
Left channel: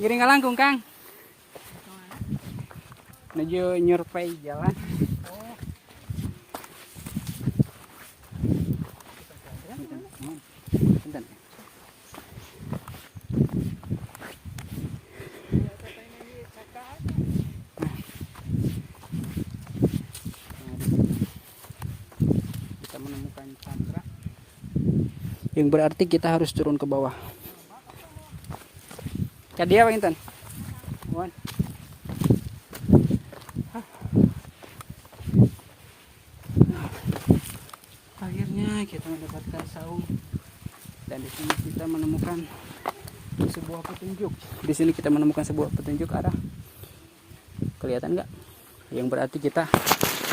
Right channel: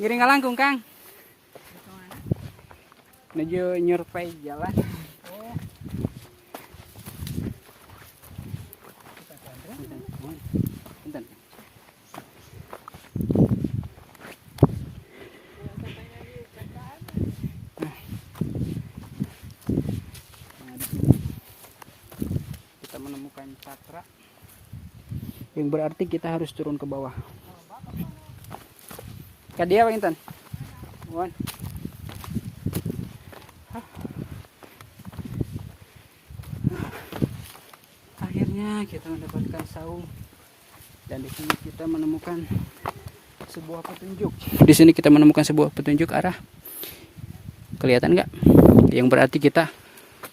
Giring langkung, Kang. Menuju nyurpai jalan. Menemukan cakra, yang berarti kita harus turun ke bawah. Kadia Bang Intan. Akhirnya kita mendapatkan saung dan di sini kita menemukan sebuah petunjuk. Di sini kita menemukan sebuah petunjuk arah. Kelihatan nggak? Yang berarti kita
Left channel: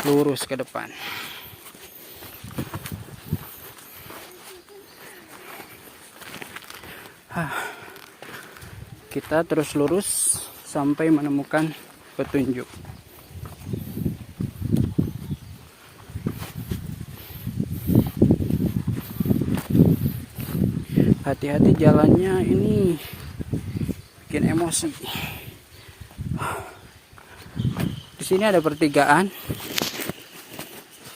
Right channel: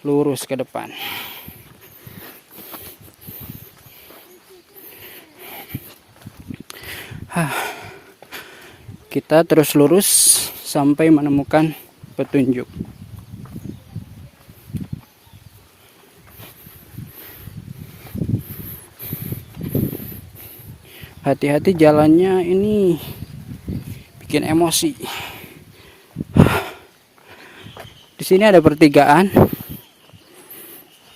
lurus ke depan. Kita terus lurus sampai menemukan petunjuk. Hati-hati jalannya, ini bikin emosi. Di sini ada pertigaan.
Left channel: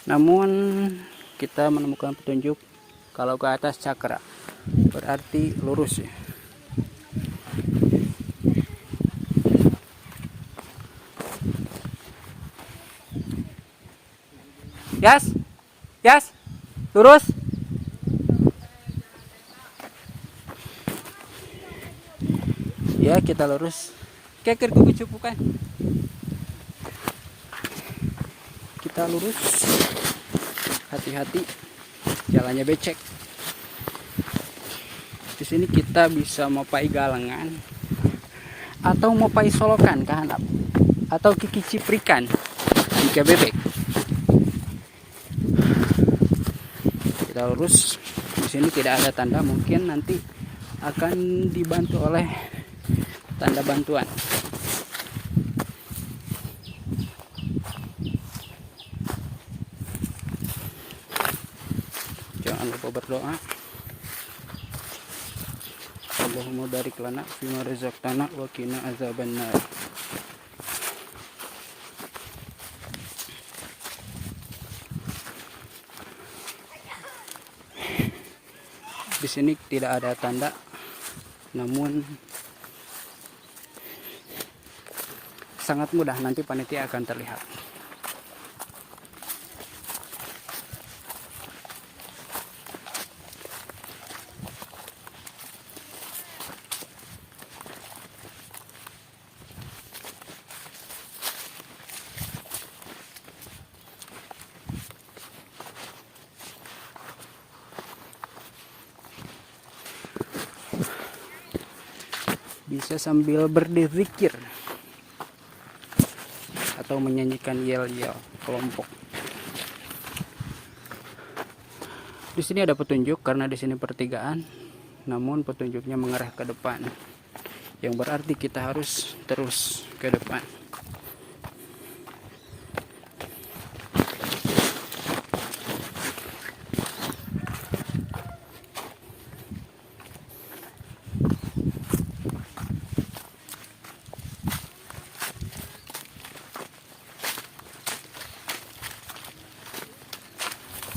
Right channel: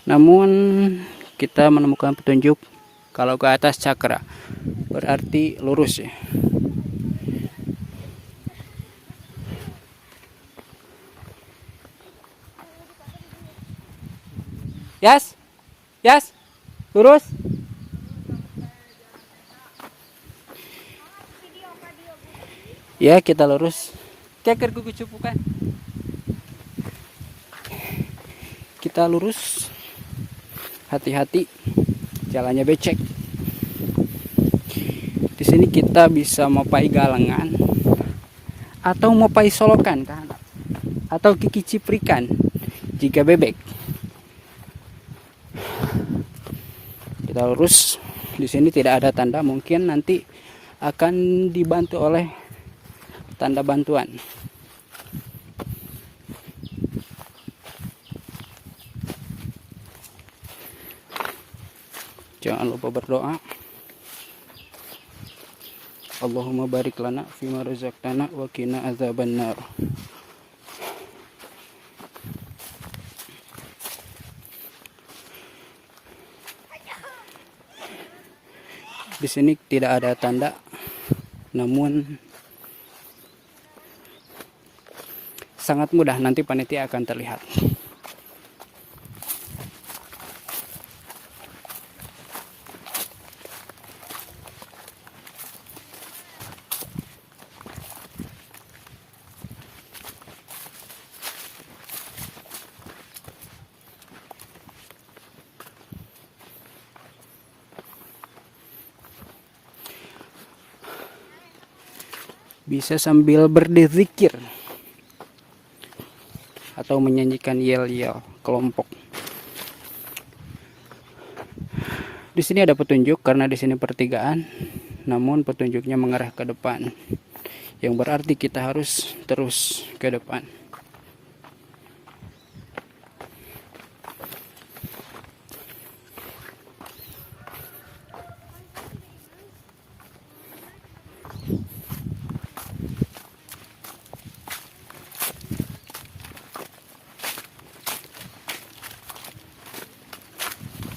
Namun kita menemukan petunjuk kalau ke atas cakra. Berarti lurus ya. Yas. Yas. Lurus. Ya, kita lurus. Keker ku bicupukan. Kita lurus. Hati-hati. Jalannya becek. Di sini kita bisa mopai galengan atau mopai solokan kahanap atau kiki ciprikan jika bebek. Kita lurus. Di sini tidak ada tanda, mungkin nanti akan dibantu oleh tanda bantuan. Jangan lupa berdoa. Allahumma barik lana fima razaqtana wa qina azabannar. Di sini tidak ada tanda, namun sangat mudah, nanti panitia akan terlihat. Bisa sambil berzikir atau menyanyikan yel-yel kelompok. Di sini ada petunjuk karena di sini pertigaan, namun petunjuknya mengarah ke depan, yang berarti kita harus terus ke depan.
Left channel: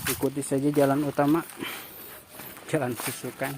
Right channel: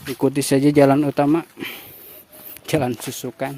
Ikuti saja jalan utama, jalan susukan.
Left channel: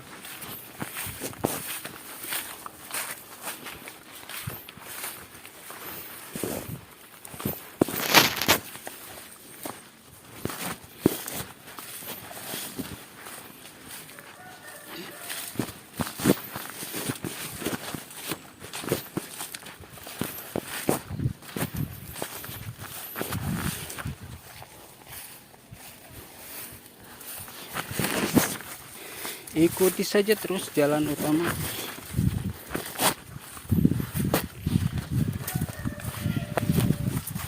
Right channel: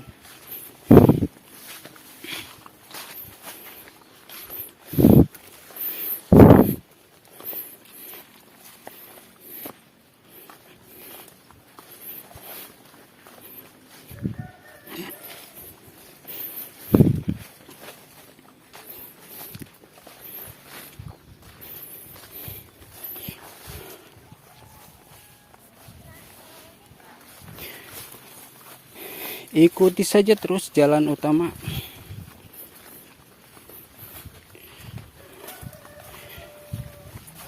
Ikuti saja terus jalan utama.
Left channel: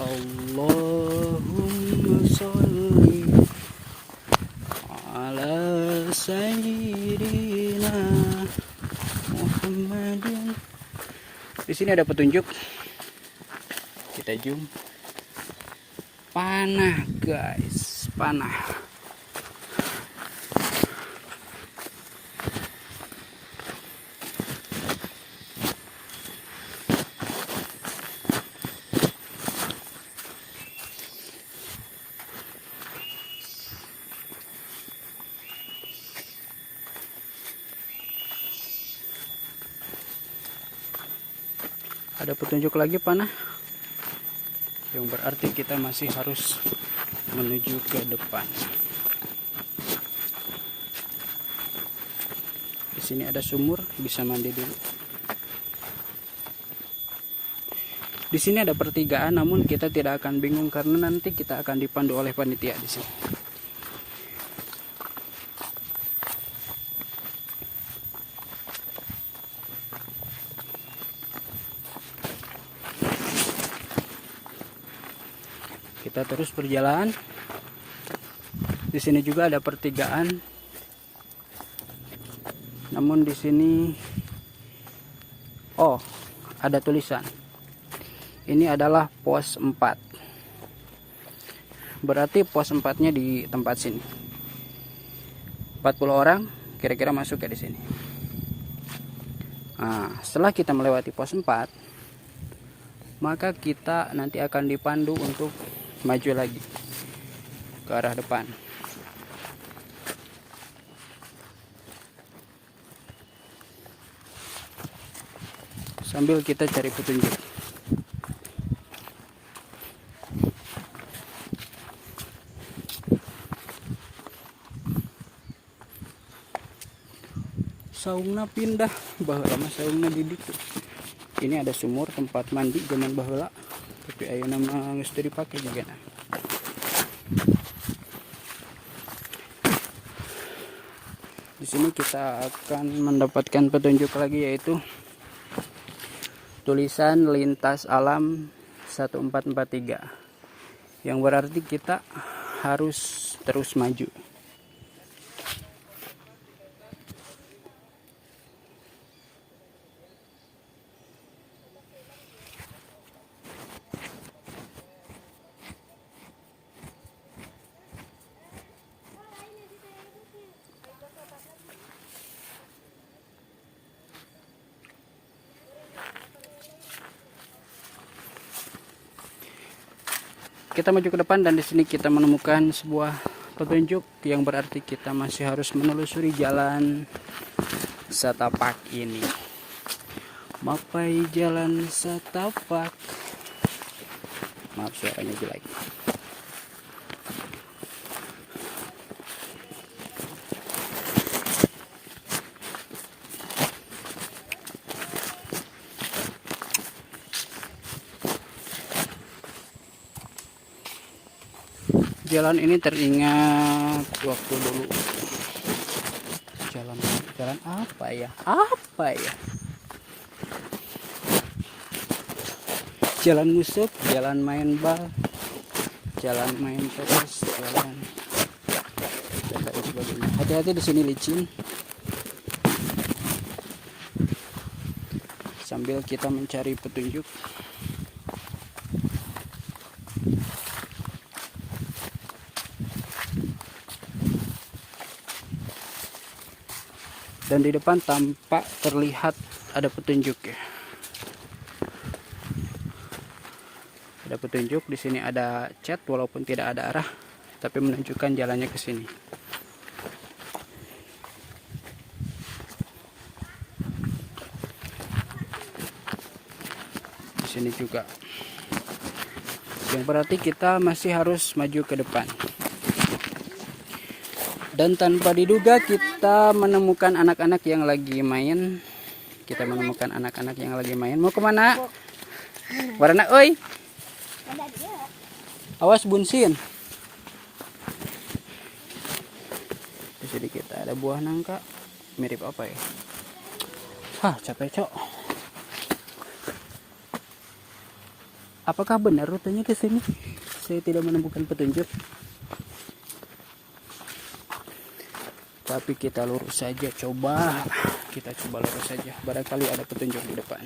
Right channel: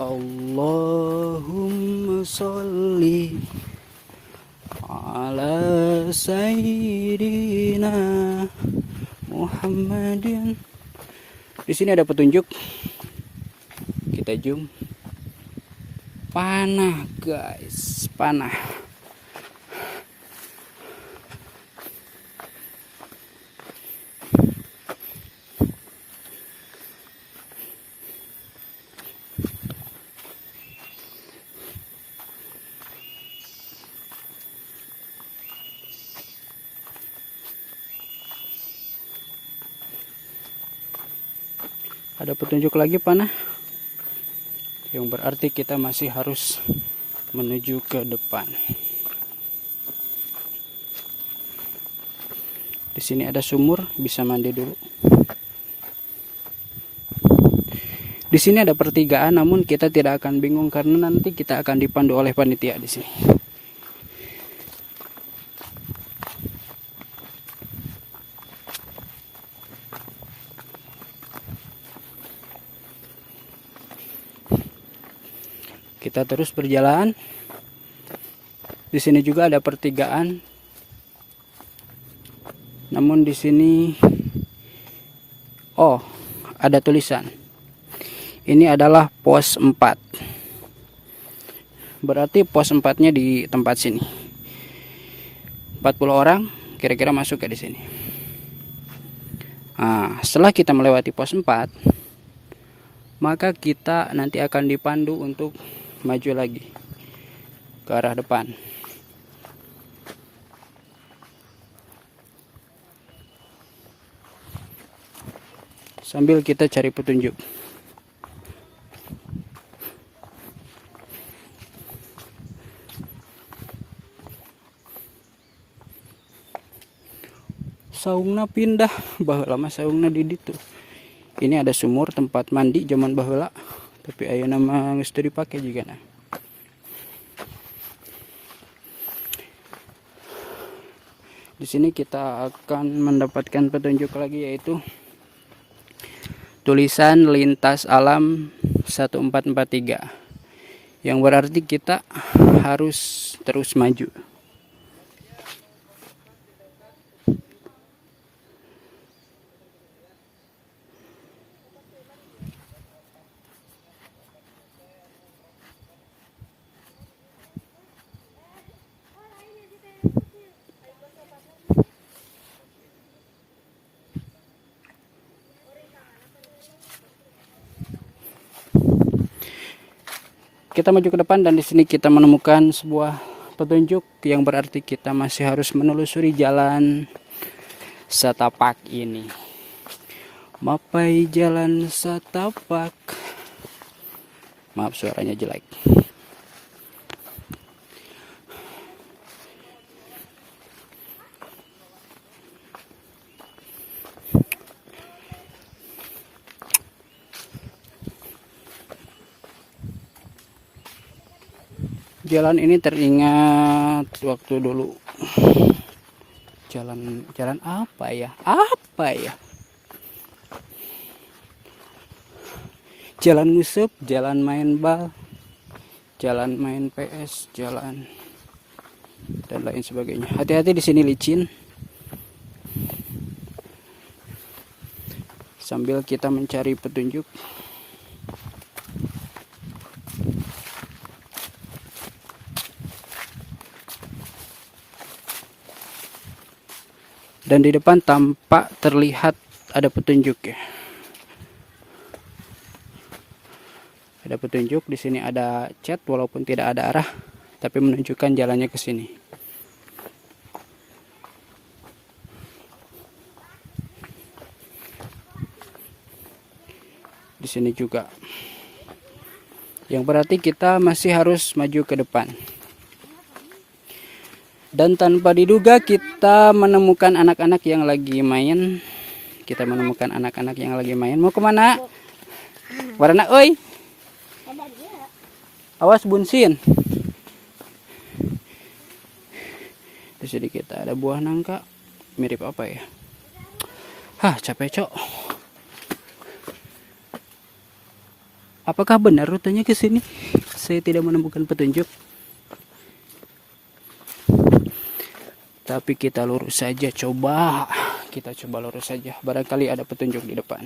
Allahumma sholli ala sayyidina Muhammadin. Di sini ada petunjuk. Kita zoom. Panah, guys, panah. Ada petunjuk lagi panah, yang berarti kita masih harus menuju ke depan. Di sini ada sumur, bisa mandi dulu. Di sini ada pertigaan, namun kita tidak akan bingung karena nanti kita akan dipandu oleh panitia di sini. Kita terus berjalan. Di sini juga ada pertigaan. Namun di sini ada tulisan. Ini adalah pos 4. Berarti pos 4-nya di tempat sini. 40 orang kira-kira masuk ke di sini. Nah, setelah kita melewati pos 4, maka kita nanti akan dipandu untuk maju lagi ke arah depan. Sambil kita cari petunjuk. Saungna pindah, baheula mah saungna di ditu. Ini ada sumur tempat mandi zaman baheula, tapi ayeuna mah geus teu dipake juga nah. Di sini kita akan mendapatkan petunjuk lagi, yaitu tulisan lintas alam 1443, yang berarti kita harus terus maju. Kita maju ke depan dan di sini kita menemukan sebuah petunjuk yang berarti kita masih harus menelusuri jalan setapak ini. Mapai jalan setapak. Maaf suaranya jelek. Jalan ini teringat waktu dulu. Jalan apa ya? Jalan ngusep, jalan main bal, jalan main PS, jalan dan lain sebagainya. Hati-hati di sini licin. Sambil kita mencari petunjuk. Dan di depan tampak terlihat ada petunjuk ya. Ada petunjuk di sini, ada cat walaupun tidak ada arah, tapi menunjukkan jalannya ke sini. Di sini juga. Yang berarti kita masih harus maju ke depan. Dan tanpa diduga kita menemukan anak-anak yang lagi main. Mau kemana? Warna oi. Awas bunsin. Di sini kita ada buah nangka. Mirip apa ya? Capek cok. Apakah benar rutenya ke sini? Saya tidak menemukan petunjuk. Tapi kita lurus saja, kita coba lurus saja, barangkali ada petunjuk di depan.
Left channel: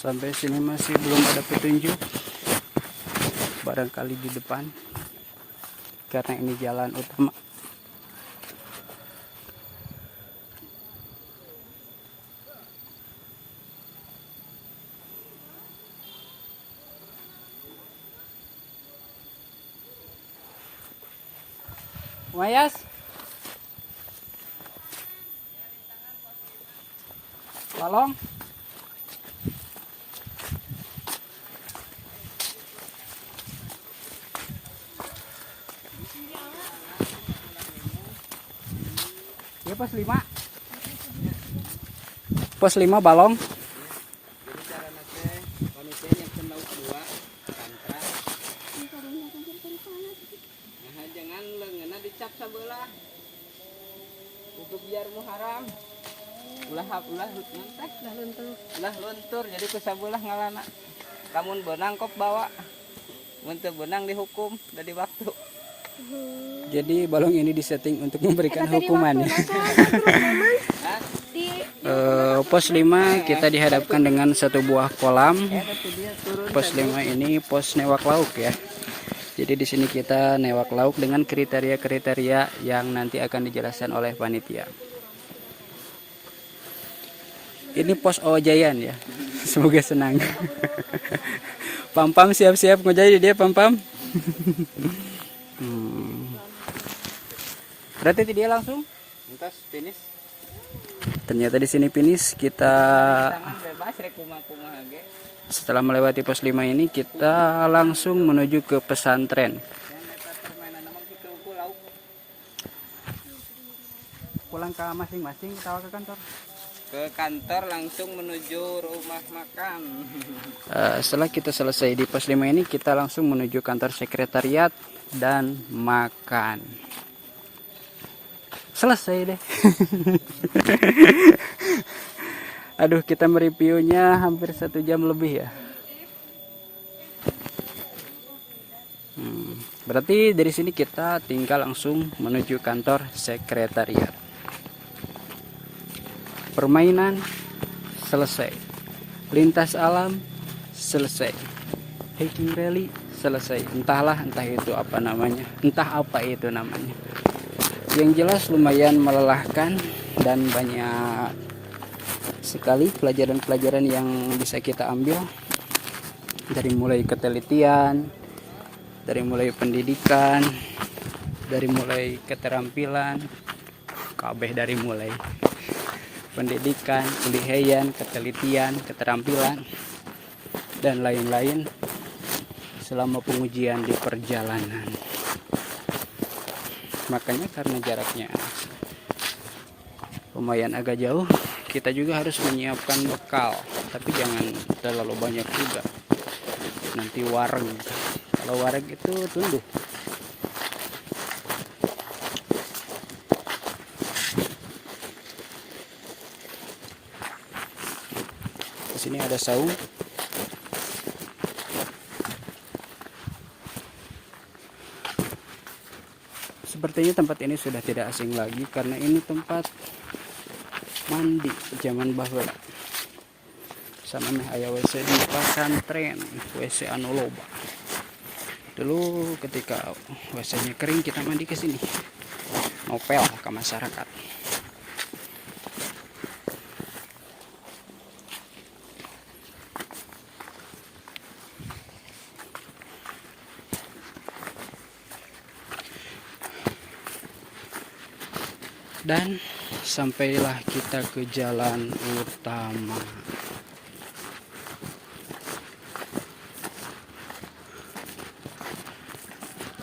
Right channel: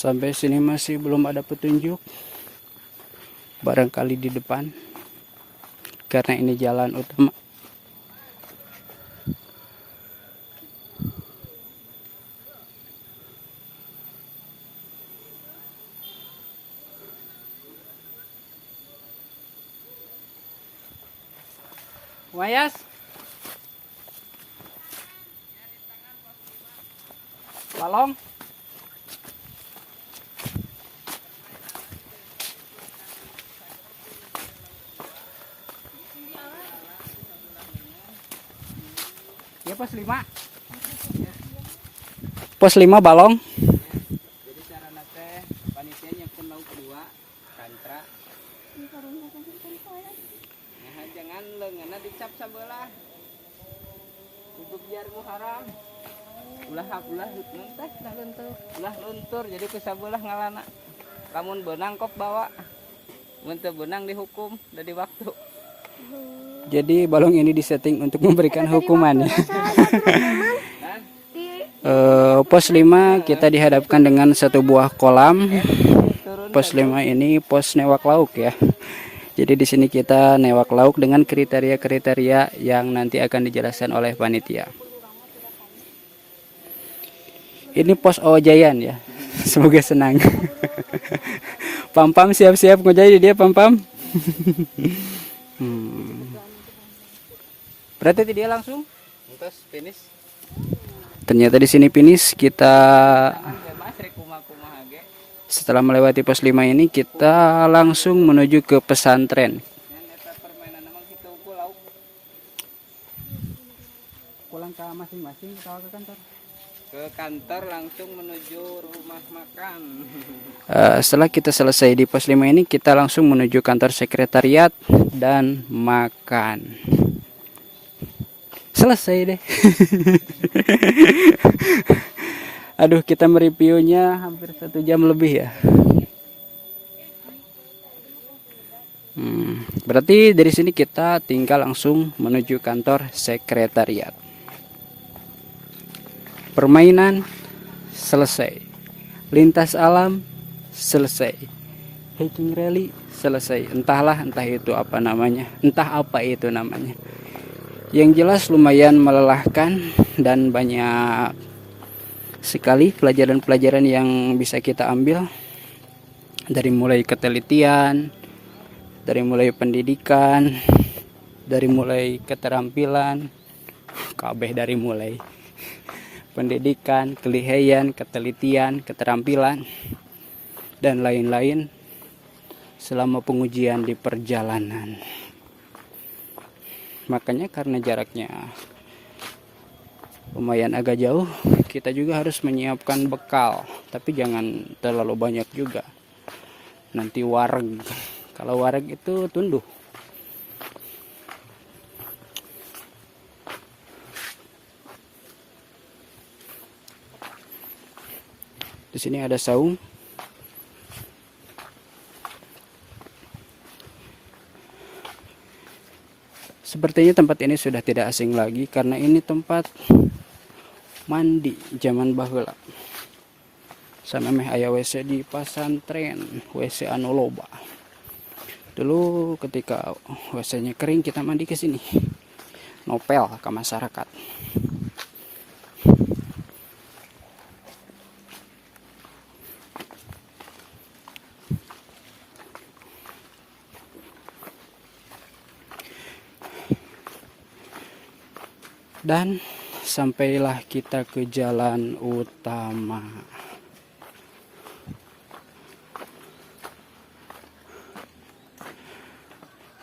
Sampai sini masih belum ada petunjuk. Barangkali di depan. Karena ini jalan utama. Wayas. Tolong. Ya pos 5. Pos 5 balong. Jadi cara nate panitia nyekin lauk 2 kantra. Nah, jangan leungeunna dicap sabelah. Untuk biar muharam. Ulah teh ulah luntur jadi ku sabelah ngalana. Lamun benang kok bawa. Mun teu benang dihukum dari waktu. Jadi balong ini disetting untuk memberikan hukuman ya. Pos 5 kita dihadapkan dengan satu buah kolam. Pos 5 ini pos newak lauk ya. Jadi di sini kita newak lauk dengan kriteria-kriteria yang nanti akan dijelaskan oleh panitia. Ini pos Ojayan ya. Semoga senang. Pam-pam siap-siap ngojai dia pam-pam. Berarti itu dia langsung. Entos finish. Ternyata di sini finish kita. Tangan bebas rek kumaha ge. Setelah melewati pos 5 ini kita langsung menuju ke pesantren. Yang eta permainan namang kitu ku lauk. Pulang ke masing-masing kita ke kantor. Ke kantor langsung menuju rumah makan. Setelah kita selesai di pos 5 ini kita langsung menuju kantor sekretariat dan makan. Selesai deh. Aduh, kita mereviewnya hampir 1 jam lebih ya. Berarti dari sini kita tinggal langsung menuju kantor sekretariat. Permainan selesai. Lintas alam selesai. Hiking rally selesai. Entah itu apa namanya. Entah apa itu namanya. Yang jelas lumayan melelahkan dan banyak sekali pelajaran-pelajaran yang bisa kita ambil, dari mulai ketelitian, dari mulai pendidikan, dari mulai keterampilan, kabeh dari mulai pendidikan, kelihayan, ketelitian, keterampilan, dan lain-lain selama pengujian di perjalanan. Makanya karena jaraknya lumayan agak jauh, kita juga harus menyiapkan bekal, tapi jangan terlalu banyak juga, nanti wareg. Kalau wareg itu tunduh. Di sini ada saung. Sepertinya tempat ini sudah tidak asing lagi karena ini tempat mandi zaman baheula. Sana meh aya WC di pesantren, WC anu loba. Dulu ketika WC-nya kering kita mandi ke sini. Ngopel ke masyarakat. Dan sampailah kita ke jalan utama.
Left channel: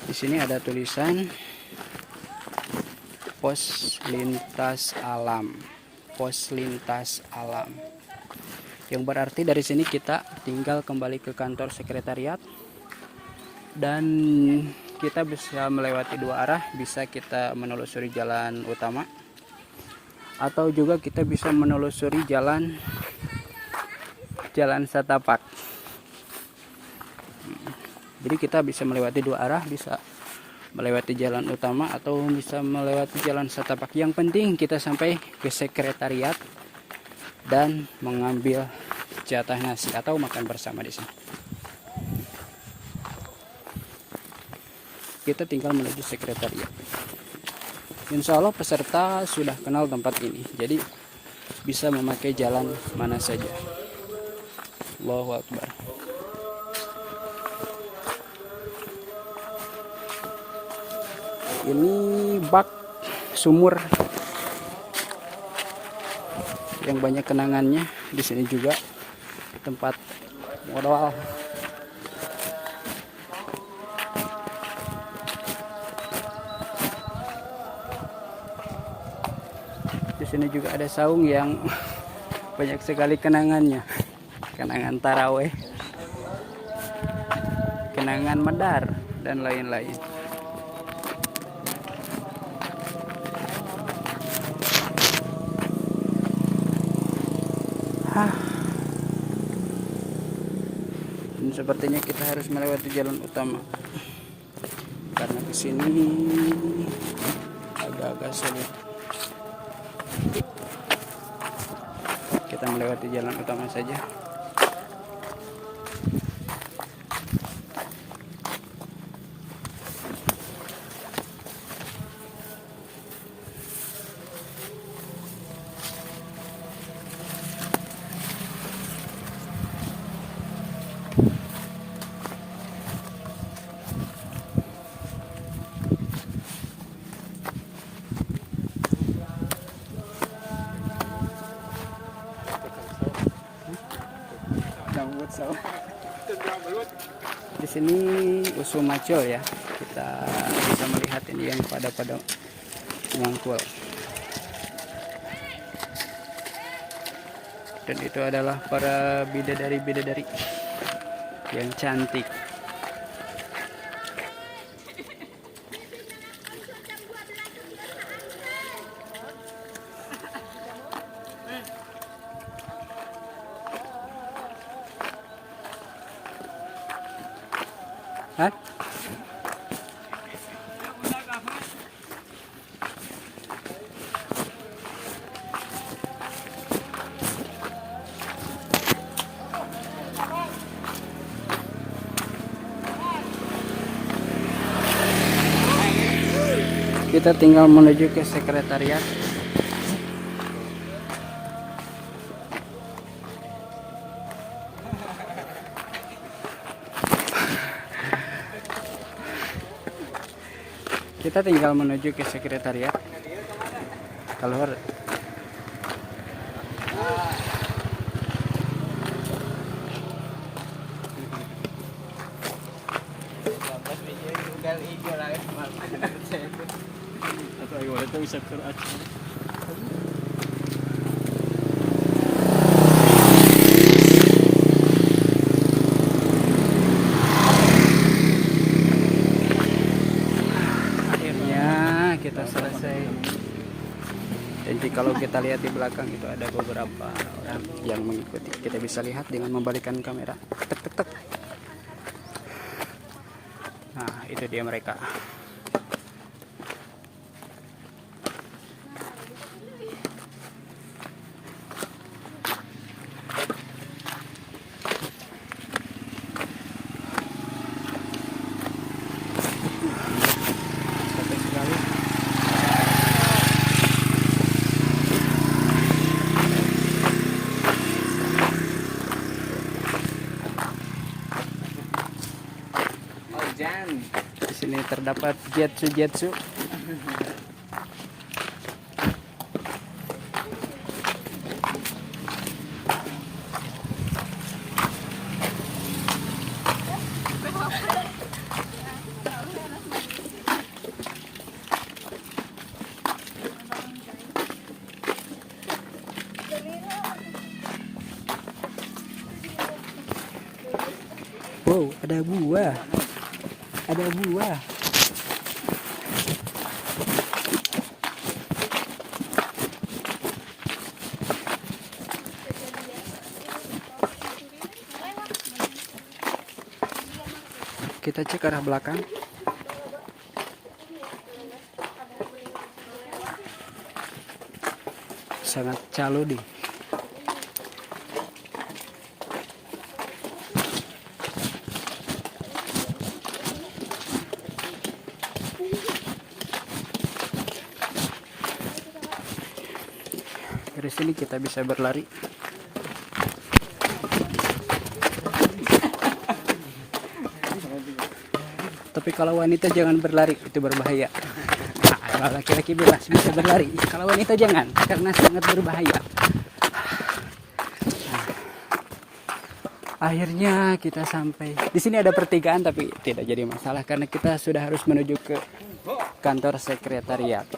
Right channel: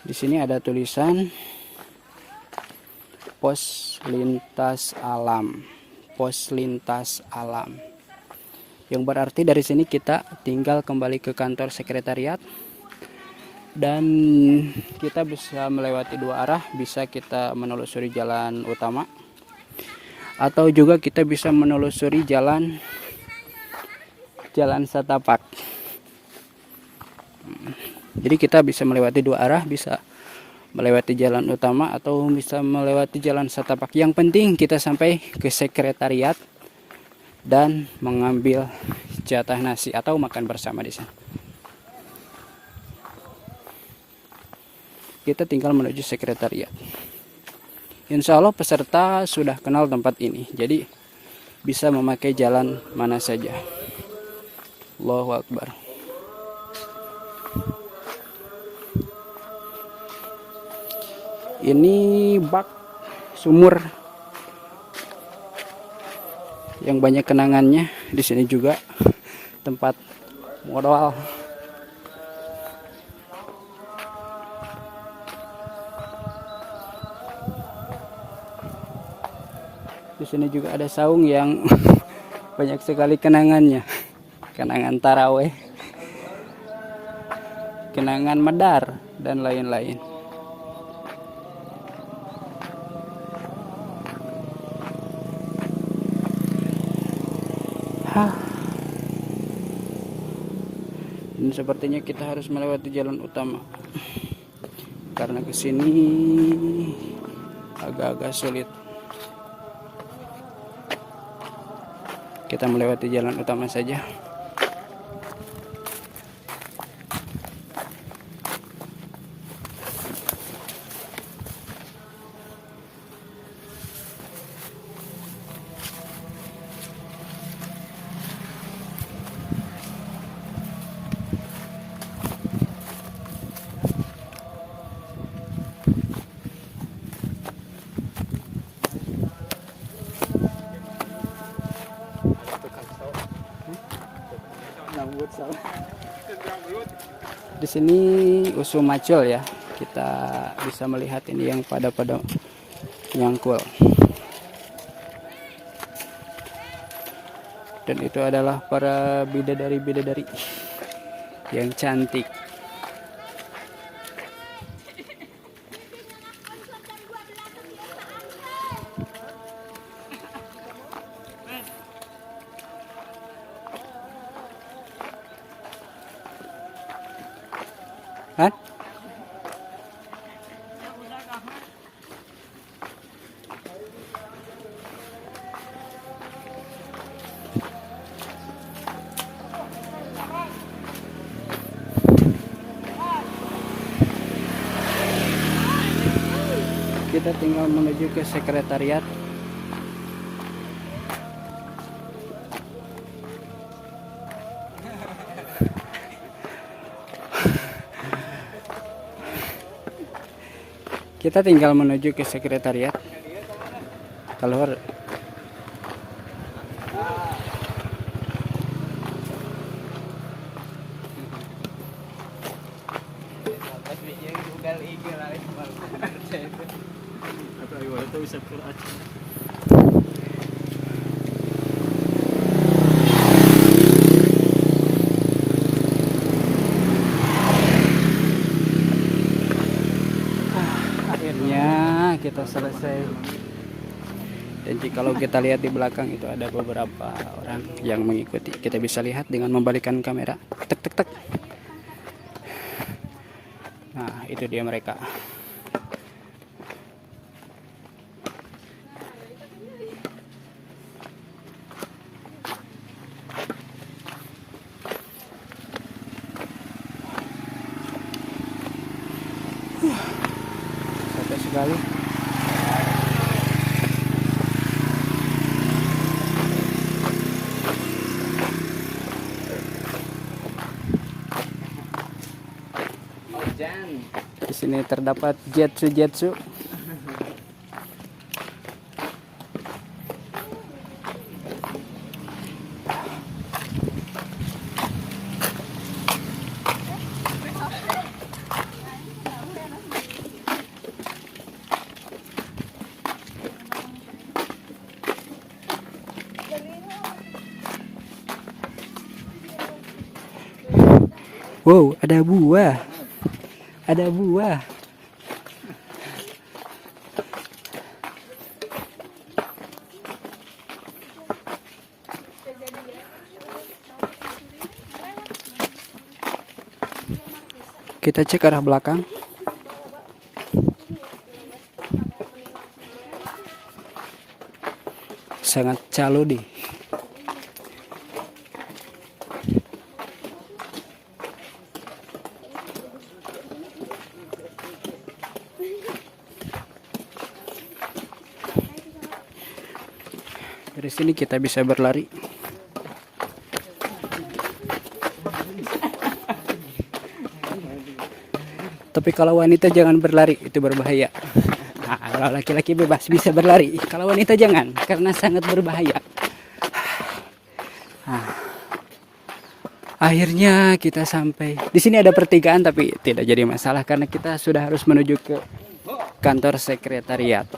Di sini ada tulisan pos lintas alam. Pos lintas alam. Yang berarti dari sini kita tinggal kembali ke kantor sekretariat. Dan kita bisa melewati 2 arah, bisa kita menelusuri jalan utama atau juga kita bisa menelusuri jalan setapak. Jadi kita bisa melewati 2 arah, bisa melewati jalan utama atau bisa melewati jalan setapak. Yang penting kita sampai ke sekretariat dan mengambil jatah nasi atau makan bersama di sini. Kita tinggal menuju sekretariat. Insya Allah peserta sudah kenal tempat ini, jadi bisa memakai jalan mana saja. Allahu Akbar. Ini bak sumur yang banyak kenangannya. Di sini juga tempat modal. sini juga ada saung yang banyak sekali kenangannya. Kenangan taraweh, kenangan medar, dan lain-lain. Dan sepertinya kita harus melewati jalan utama karena kesini agak-agak sulit. Kita melewati jalan utama saja. Di sini usul macul ya, kita bisa melihat ini yang pada nyangkul. Dan itu adalah para bidadari-bidadari yang cantik. Hah? Kita tinggal menuju ke sekretariat. Kita tinggal menuju ke sekretariat. Keluar. Pas video Google IG lah saya itu. Atau ayo itu bisa kerat. Kita selesai. Dan kalau kita lihat di belakang itu ada beberapa orang yang mengikuti. Kita bisa lihat dengan membalikkan kamera. Tek tek tek. Nah, itu dia mereka. Capek sekali. Di sini terdapat jetsu. Wow, ada buah. Ada buah. Kita cek arah belakang. Sangat calo deh. Dari sini kita bisa berlari. Tapi kalau wanita jangan berlari, itu berbahaya. Nah, kalau laki-laki bebas bisa berlari, kalau wanita jangan, karena sangat berbahaya. Nah, akhirnya kita sampai. Di sini ada pertigaan tapi tidak jadi masalah karena kita sudah harus menuju ke kantor sekretariat.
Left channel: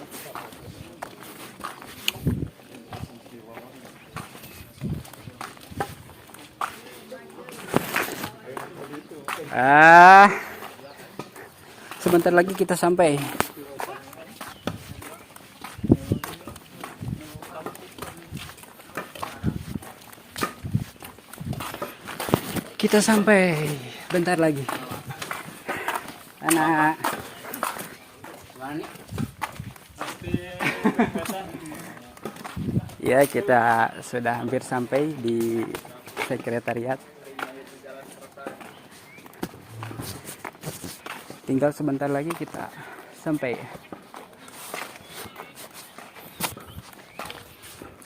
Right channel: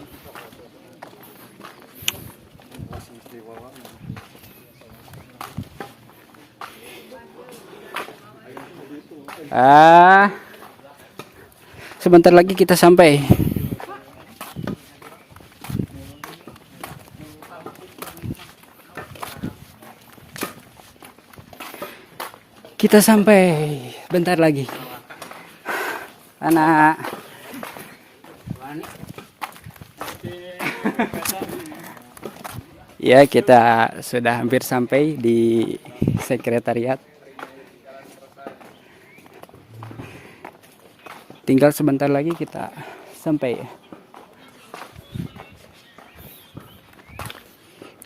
Sebentar lagi kita sampai. Kita sampai. Bentar lagi. Anak. Ya, kita sudah hampir sampai di sekretariat. Tinggal sebentar lagi kita sampai.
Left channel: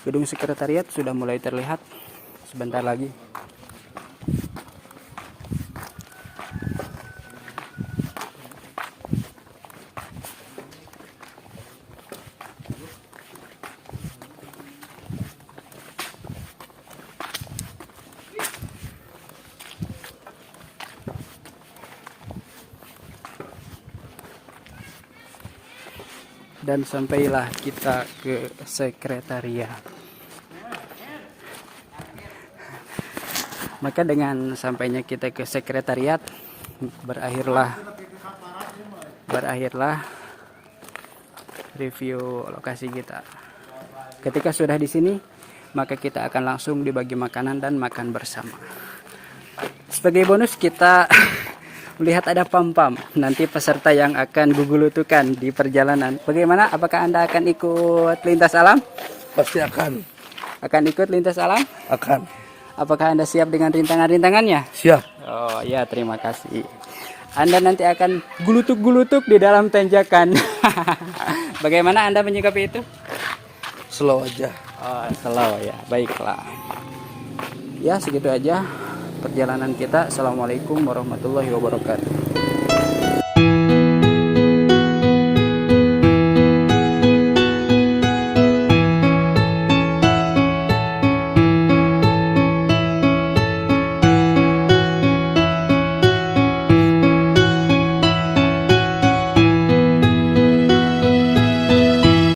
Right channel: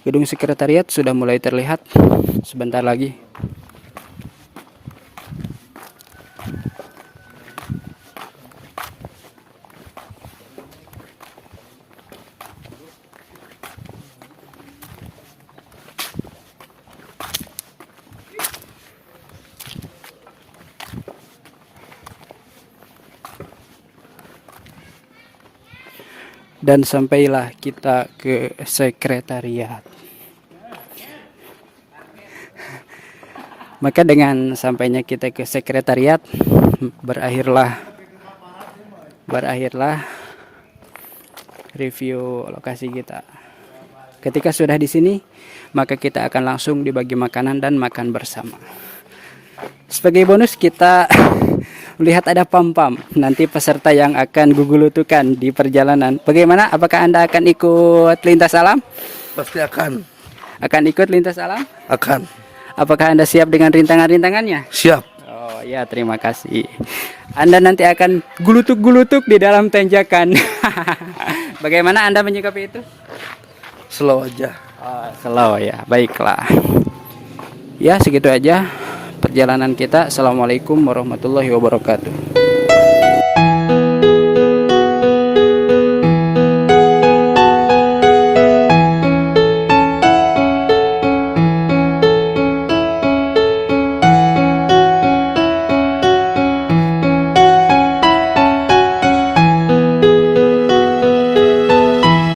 Gedung sekretariat sudah mulai terlihat sebentar lagi. Dan sampailah kita ke sekretariat. Maka dengan sampainya kita ke sekretariat, berakhirlah review lokasi kita. Ketika sudah di sini, maka kita akan langsung dibagi makanan dan makan bersama. Sebagai bonus kita melihat ada pam-pam, nanti peserta yang akan gugulutukan di perjalanan. Bagaimana? Apakah Anda akan ikut lintas alam? Pasti akan. Akan ikut lintas alam? Akan. Apakah Anda siap dengan rintangan-rintangannya? Siap. Oh ya, terima kasih. Anda nanti akan gulutuk-gulutuk di dalam tanjakan. Bagaimana Anda menyikapi itu? Slow aja. Oh, slow ya. Baiklah. Ya, segitu aja perjalanan kita. Assalamualaikum warahmatullahi wabarakatuh.